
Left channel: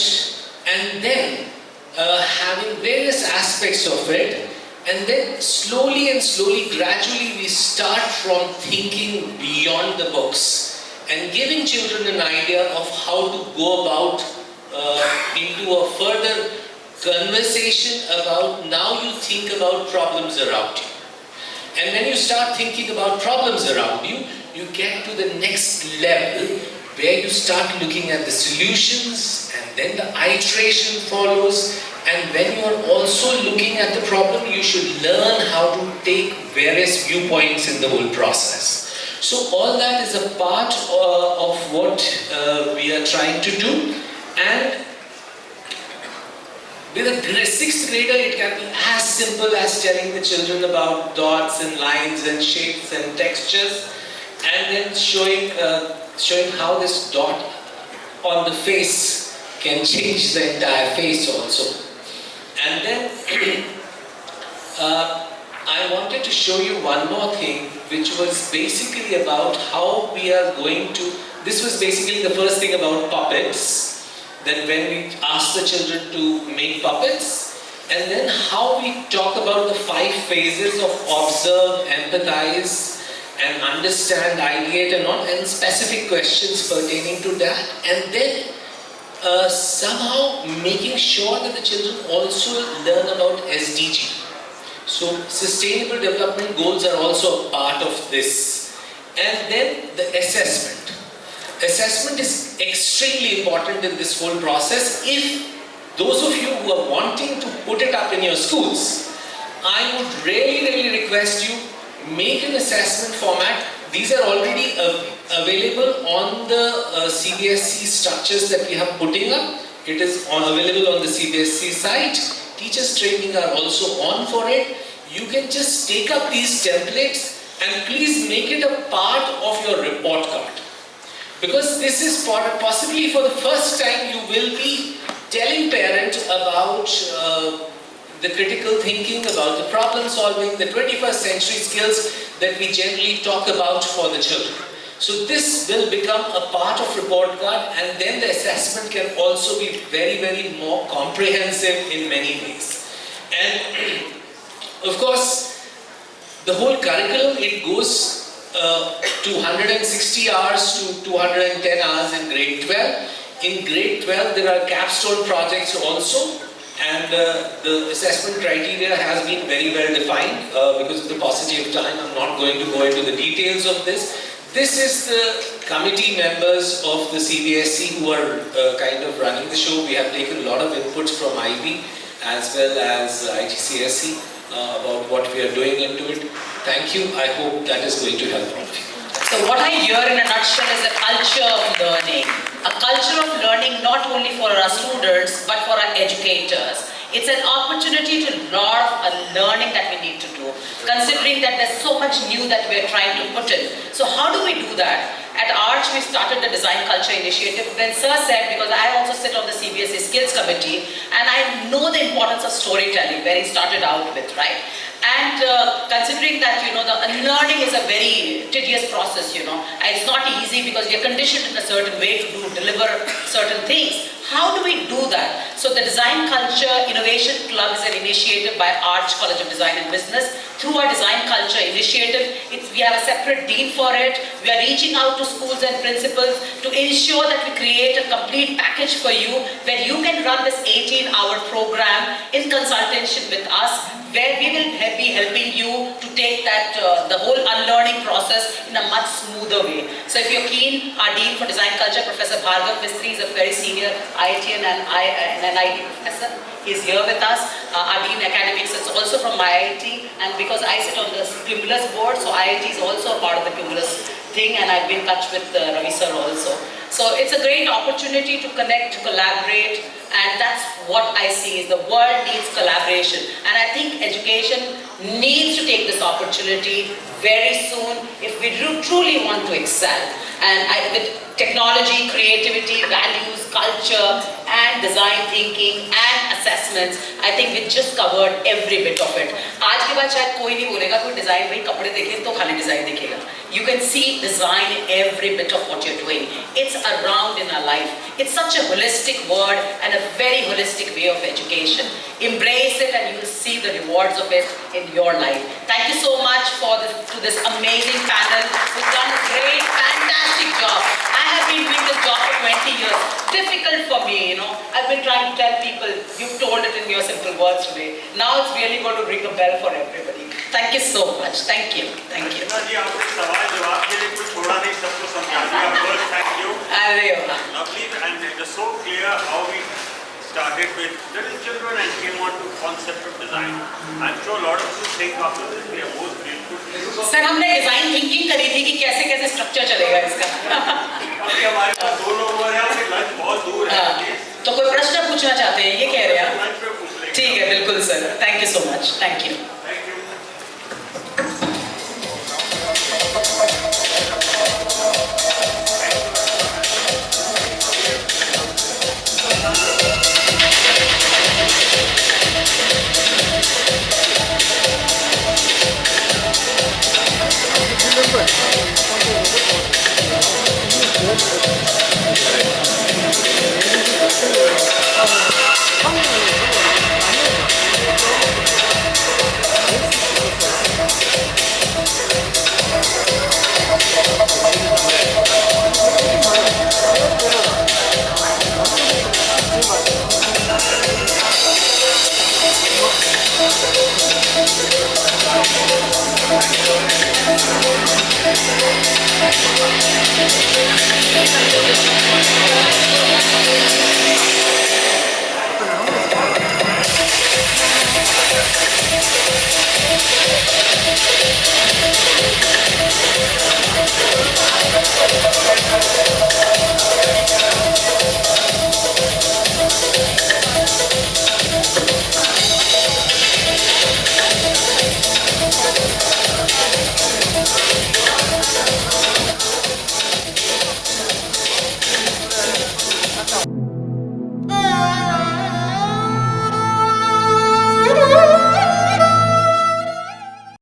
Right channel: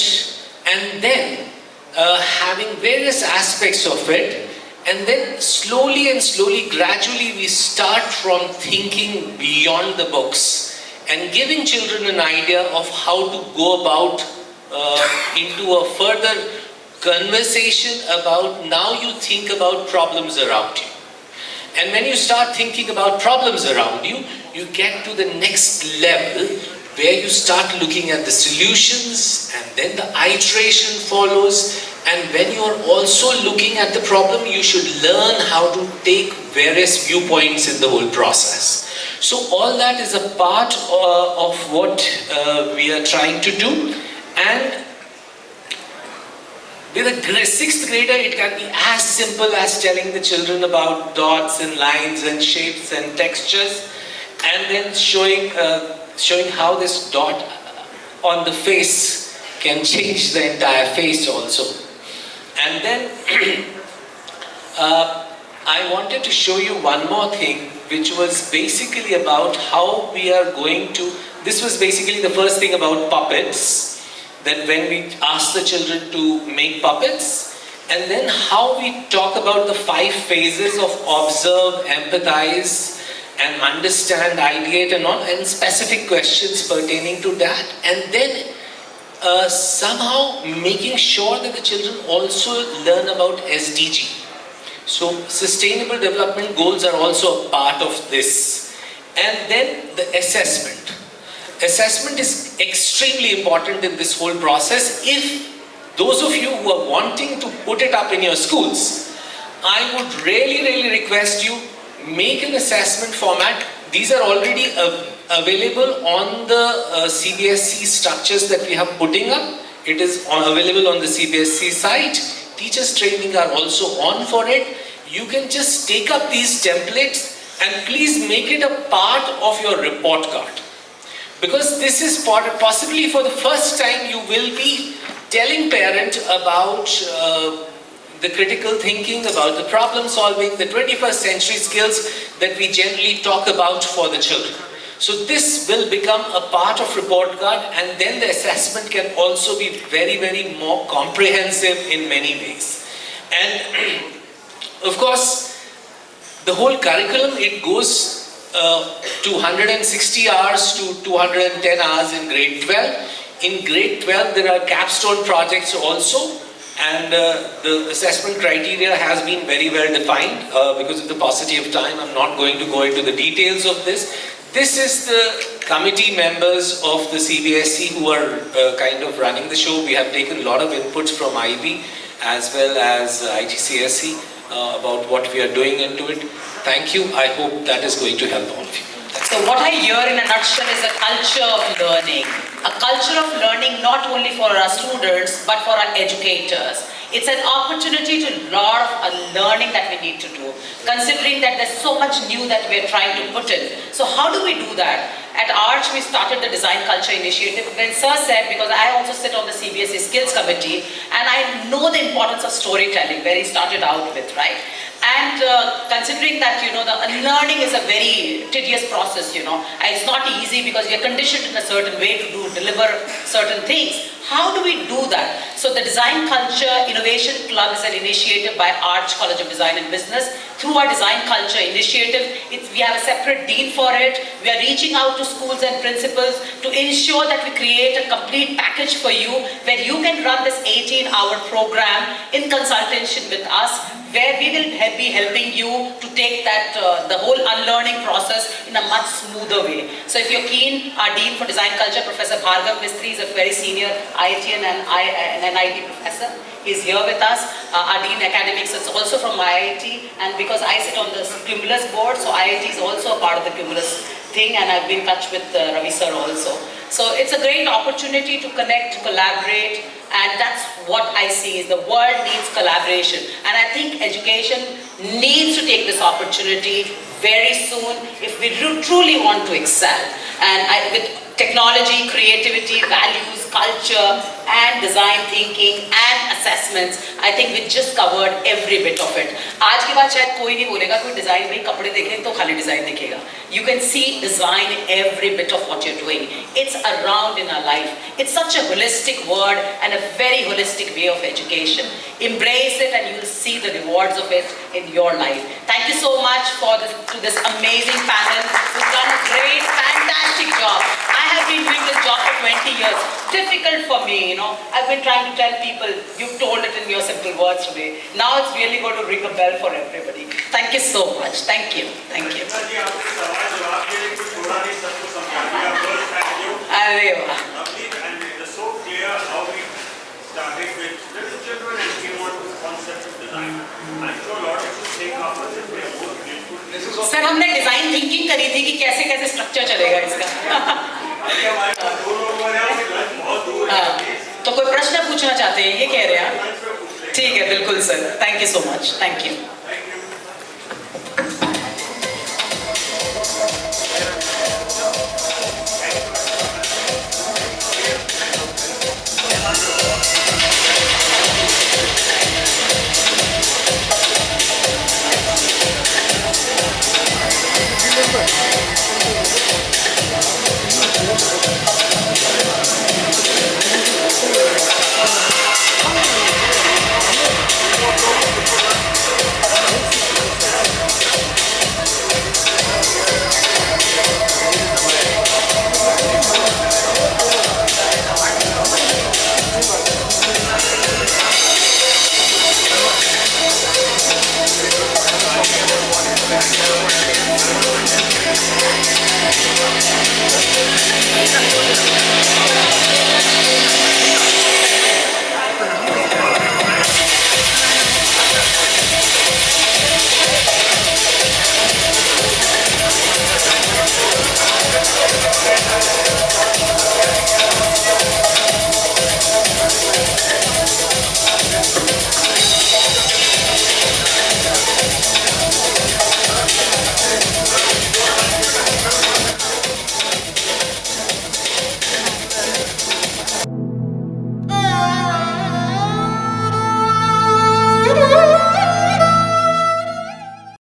and then having various aspects of it, and then slowly, gradually we start from thinking beyond the books and giving children an idea of how to go about into a further conversation about now you think about problems around you. And when you start thinking about problems around you, you get to the next level where you start looking at the solutions, and then the iteration follows. And when you are also looking at the problem, you should learn how to take various viewpoints in the whole process. So all that is a part of what we are trying to do. And with a 6th grader, it can be as simple as telling the children about dots and lines and shapes and textures, and then showing how this dot on the face can change the entire face also. And then I wanted to show you one more thing, which was basically about how we are going to, this was basically the first thing about puppets, that when we ask the children to make puppets, and then how we talk about the 5 phases of observe, empathize, and understand, ideate and all, and specific questions pertaining to that, and then somehow making sure that the children also learn about SDG. So Sustainable Development Goals are also a part of this. And then the assessment. Assessment is extremely important in this whole process. If those of you who are wanting to put it up in your schools, I would really request you, make an assessment format. These are already available on the CBSE structures that we have putting up. It is available on the CBSE site. Teachers training are also on for it. You can just take up these templates and please make it a part of your report card. Because this is possibly for the first time you will be telling parents about the critical thinking, about the problem solving, the 21st century skills that we generally talk about for the children. So this will become a part of report card, and then the assessment can also be very more comprehensive in many ways. And of course, the whole curriculum, it goes to 160 hours to 210 hours in grade 12. In grade 12, there are capstone projects also, and the assessment criteria has been very well defined. Because of the paucity of time, I'm not going to go into the details of this. This is the committee members of the CBSE who are kind of running the show. We have taken a lot of inputs from IB as well as IGCSE about what we are doing into it. Thank you. I hope that is going to help all of you. So what I hear in a nutshell is a culture of learning. A culture of learning not only for our students but for our educators. It's an opportunity to lot of learning that we need to do, considering that there's so much new that we're trying to put in. So how do we do that? At Arch, we started the Design Culture Initiative. When Sir said, because I also sit on the CBSE Skills Committee, and I know the importance of storytelling, where he started out with, right? And considering that, the learning is a very tedious process, and it's not easy because we are conditioned in a certain way to deliver certain things. How do we do that? So the Design Culture Innovation Club is an initiative by Arch College of Design and Business. through our design culture initiative. We have a separate dean for it. We are reaching out to schools and principals to ensure that we create a complete package for you where you can run this 18-hour program in consultation with us, where we will be helping you to take that the whole unlearning process in a much smoother way. So if you're keen, our Dean for Design Culture, Professor Bhargav Mistry, is a very senior IITian and NIT professor. He's here with us. Our Dean Academics is also from IIT, and because I sit on the Cumulus board, so IIT is also a part of the Cumulus thing, and I've been in touch with Ravi sir also. So it's a great opportunity to connect, to collaborate, and that's what I see is the world needs collaboration. And I think education needs to take this opportunity very soon if we truly want to excel. And with technology, creativity, values, culture, and design thinking and assessments, I think we just covered every bit of it. आज के बाद शायद कोई नहीं बोलेगा कोई design में कपड़े देखें तो खाली design दिखेगा. You can see design in every bit of what you're doing. It's around in our life. It's such a holistic word and a very holistic way of education. Embrace it and you'll see the rewards of it in your life. Thank you so much to this amazing panel who's done a great, fantastic job. I have been doing this job for 20 years. Difficult for me, you know. I've been trying to tell people, you've told it in your simple words today. Now it's really going to ring a bell for everybody. Thank you so much. Thank you. Thank you. Thank you. Lovely, and it is so clear how we started with little children and came on to concept of design. I'm sure a lot of us think after this we are both grateful. Sir हमने design thinking करी थी कि कैसे कैसे structure चलेगा इसका. अभी हमारे पास 2 लोग हो रहे हैं कि लंच बहुत दूर है. तो कोई प्रश्न पूछना चाहते हैं ये कह रहे हैं. लंच पे पूछ लेंगे. ठीक है बिल्कुल sir. Thank you so much. Thank you. Thank you.